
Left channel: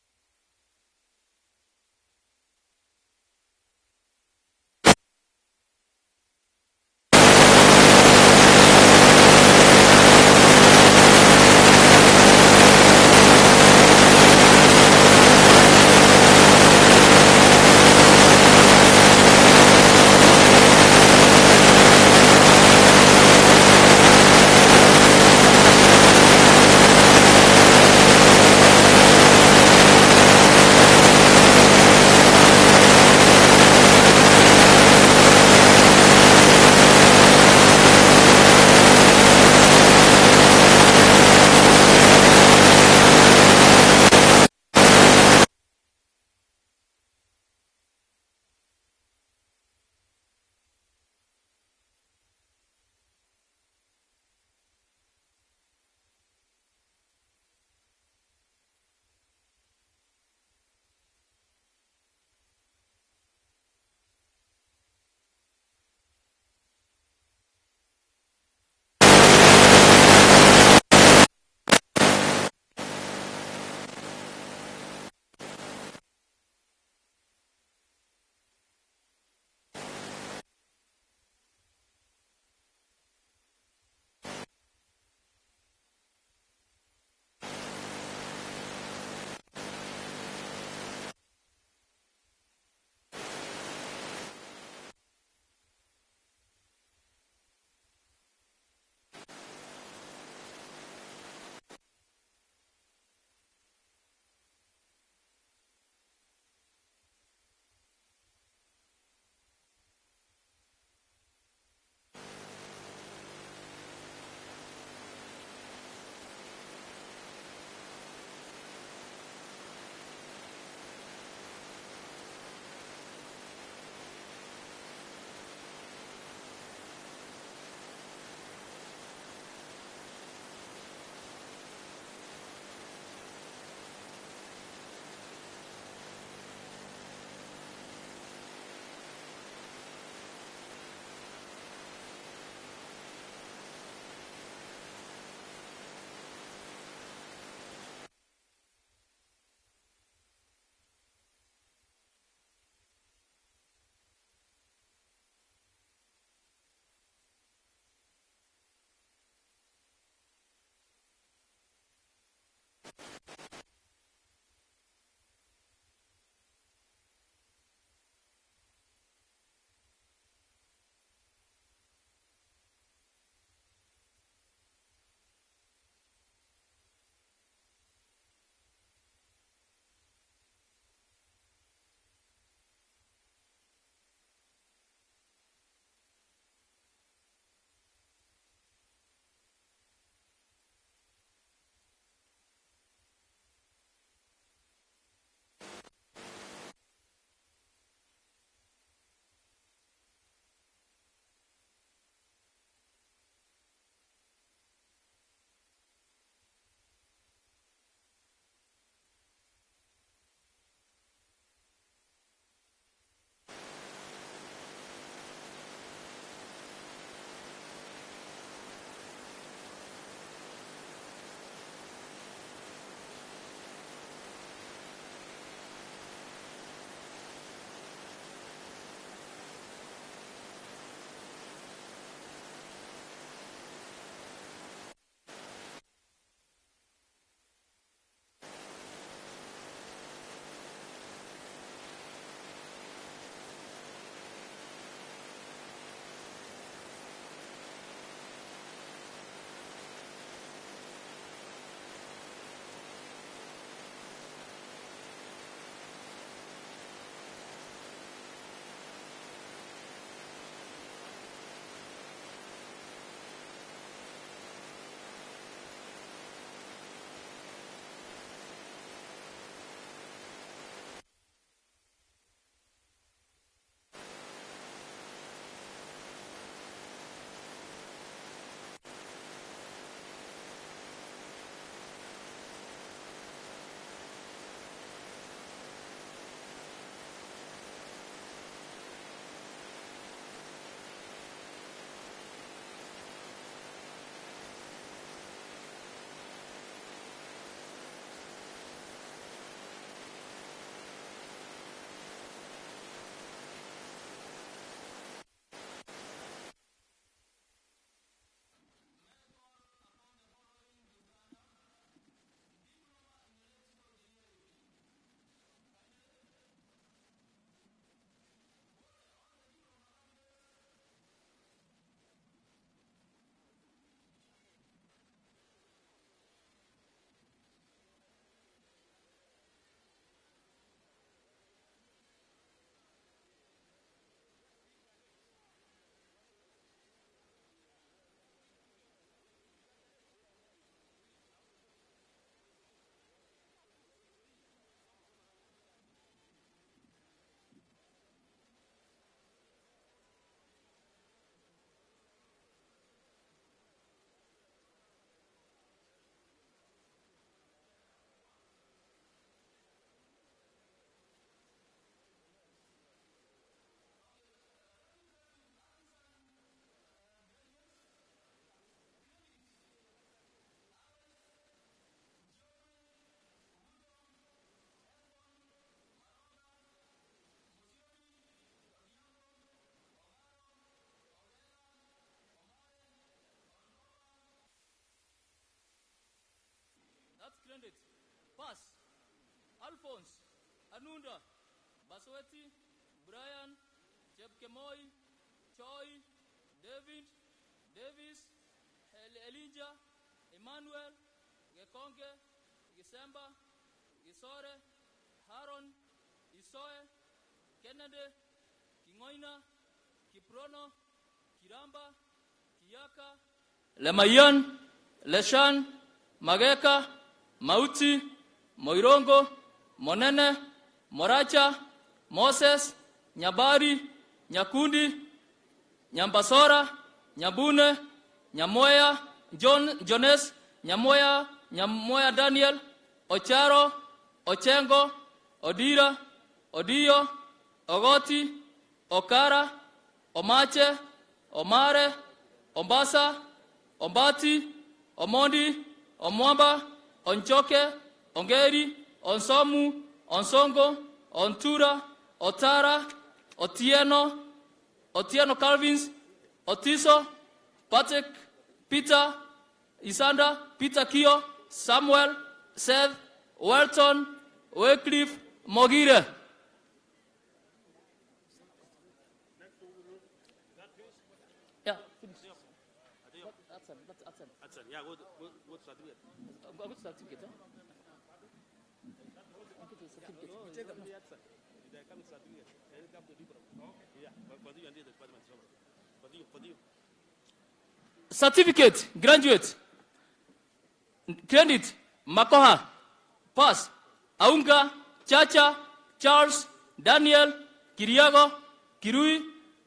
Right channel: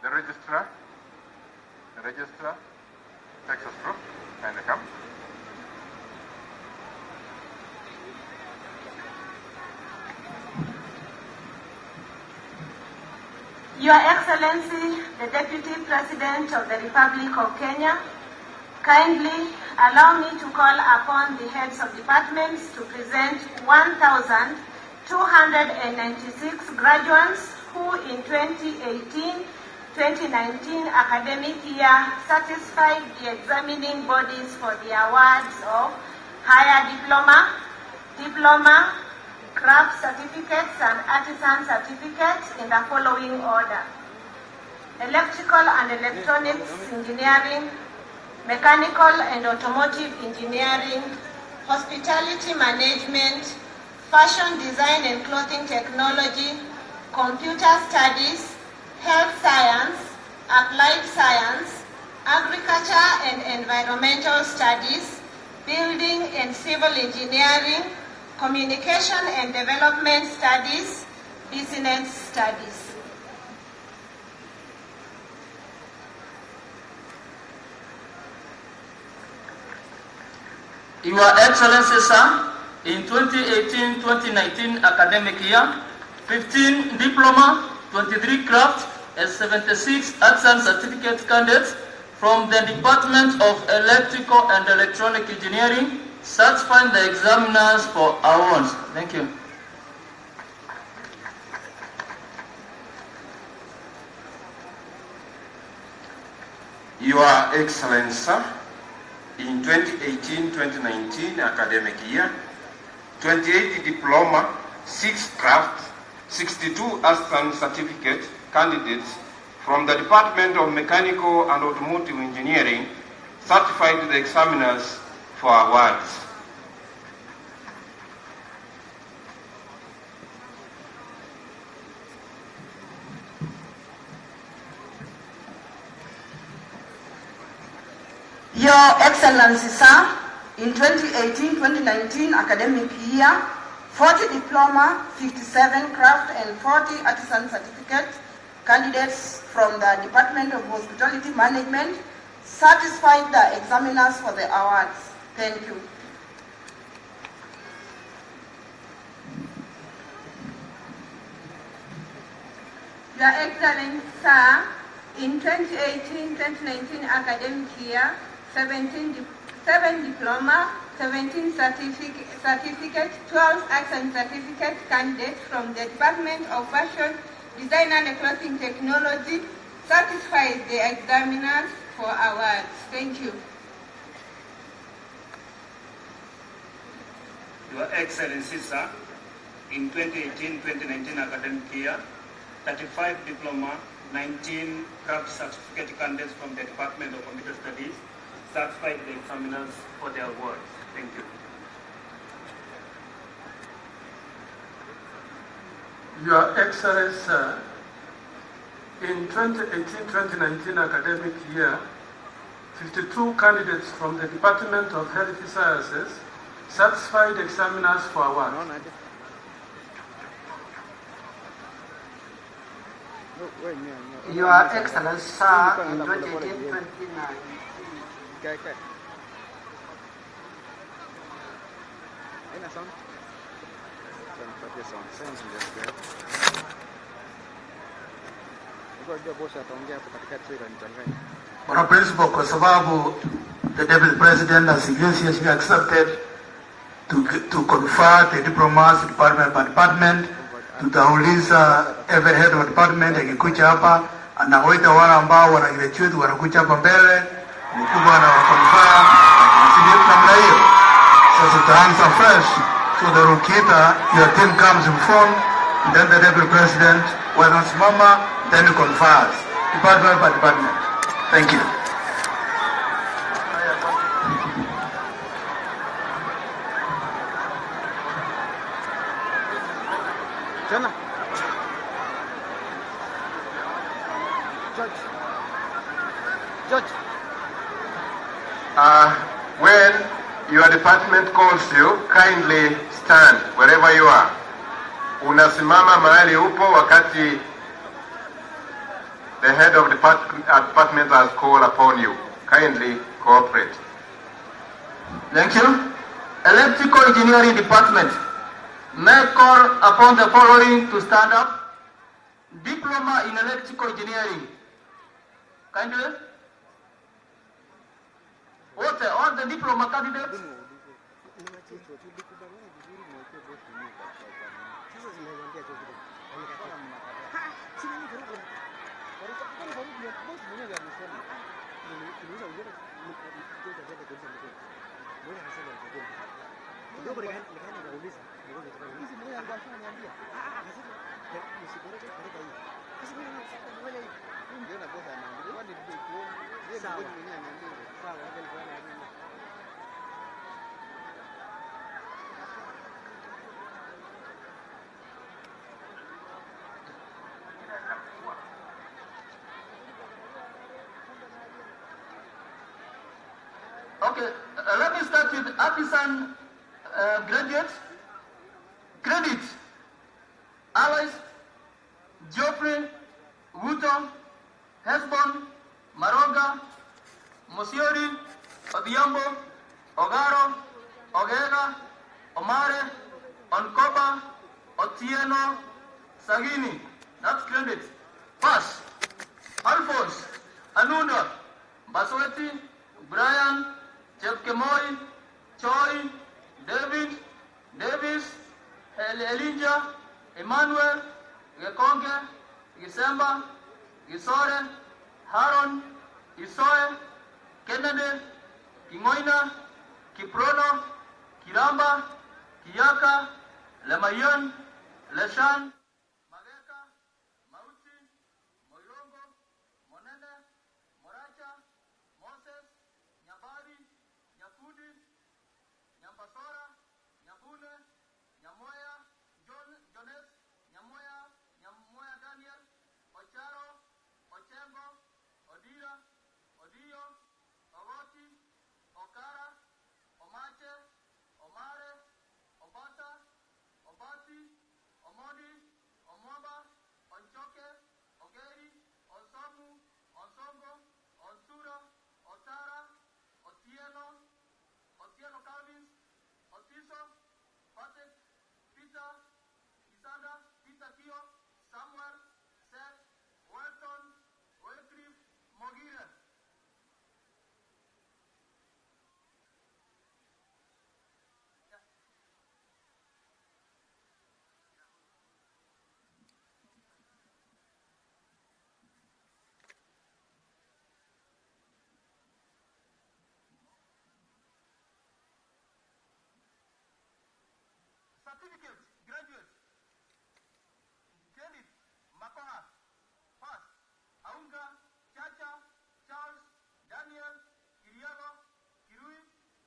The registrar takes us through and come. Engineering, Mechanical and Automotive Engineering, Hospitality Management, Fashion Design and Clothing Technology, Computer Studies, Health Science, Applied Science, Agriculture and Environmental Studies, Building and Civil Engineering, Communication and Development Studies, Business Studies. Your Excellency, sir, in 2018-2019 academic year, 15 diploma, 23 craft, and 76 arts and certificate candidates from the Department of Electrical and Electronic Engineering certifying the examiners for awards. Thank you. Your Excellency, sir, in 2018-2019 academic year, 28 diploma, 6 craft, 62 arts and certificate candidates from the Department of Mechanical and Automotive Engineering certified the examiners for awards. Your Excellency, sir, in 2018-2019 academic year, 40 diploma, 57 craft and 40 artisan certificate candidates from the Department of Hospitality Management satisfied the examiners for the awards. Thank you. Your Excellency, sir, In 2018-2019 academic year, 7 diploma, 17 certificate, 12 arts and certificate candidates from the Department of Fashion, Design and Clothing Technology satisfied the examiners for awards. Thank you. Your Excellency, sir, in 2018-2019 academic year, 35 diploma, 19 craft certificate candidates from the Department of Computer Studies satisfied the examiners for their awards. Thank you. Your Excellency, in 2018-2019 academic year, 52 candidates from the Department of Health Sciences satisfied examiners for award. Your Excellency, sir, in 2018-2019. On a principle, kwa sababu the Deputy President has graciously accepted to confer the diplomas department by department. Tutauliza every head of department akikuja hapa anawaita wale ambao wana graduate wanakuja hapa mbele, mkubwa anawakonfirm ndio namna hiyo. Sasa tutaanza fresh, so the Rukita, your team comes in front, then the Deputy President wanasimama, then he confers department by department. Thank you. When your department calls you, kindly stand wherever you are. Unasimama mahali upo wakati the head of department has called upon you. Kindly cooperate. Thank you. Electrical Engineering Department may call upon the following to stand up. Diploma in Electrical Engineering. Kindly. What all the diploma candidates? Okay, let me start with artisan graduates. Credit: Alois, Geoffrey, Ruto, Hesbon, Maroga, Mosiori, Odhiambo, Ogaro, Ogega, Omare, Onkoba, Otieno, Sagini. That's credit. Pass: Alphonse, Anunda, Basweti, Brian, Chepkemoi, Choi, David, Davis, Elijah, Emmanuel, Gekonge, Gisemba, Gisore, Haron, Isoe, Kennedy, Kingoina, Kiprono, Kiramba, Kiyaka, Lemayan, Leshan, Mageka, Mauti, Moirongo, Monene, Moracha, Moses, Nyabari, Nyakundi, Nyambasora, Nyabune, Nyamoya, Jones, Nyamoya Daniel, Ocharo, Ochengo, Odira, Odio, Ogoti, Okara, Omache, Omare, Ombasa, Ombati, Omondi, Omwamba, Onchoke, Ongeri, Onsomu, Onsongo, Ontura, Otara, Otieno Calvins, Otiso, Patrick, Peter, Isanda, Peter Kio, Samuel, Seth, Welton, Wycliffe Mogire. Yeah. Certificate, graduate. Credit, Makoha. Pass, Aunga, Chacha, Charles, Daniel, Kiriago, Kirui,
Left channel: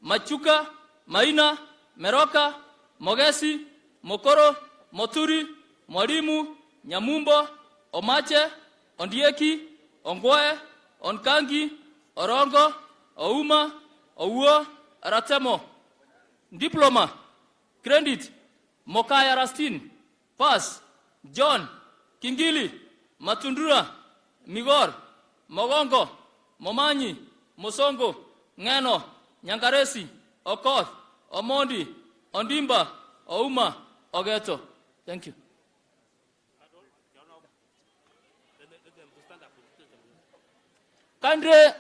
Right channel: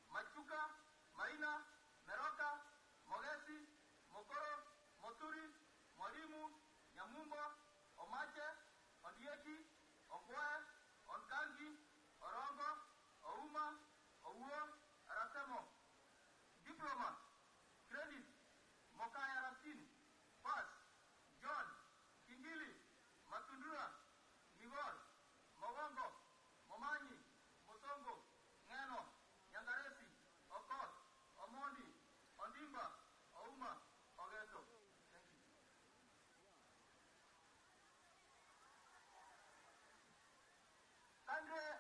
Machuka, Maina, Meroka, Mogesi, Mokoro, Moturi, Mwalimu, Nyamumbo, Omache, Ondieki, Ongwae, Onkangi, Orongo, Ouma, Ouo, Aratemo. Diploma, credit, Mokaya Rastin. Pass, John, Kingili, Matundura, Migor, Mogongo, Momanyi, Mosongo, Ngeno, Nyangaresi, Okoth, Omondi, Ondimba, Ouma, Ogeto. Thank you. Kandre,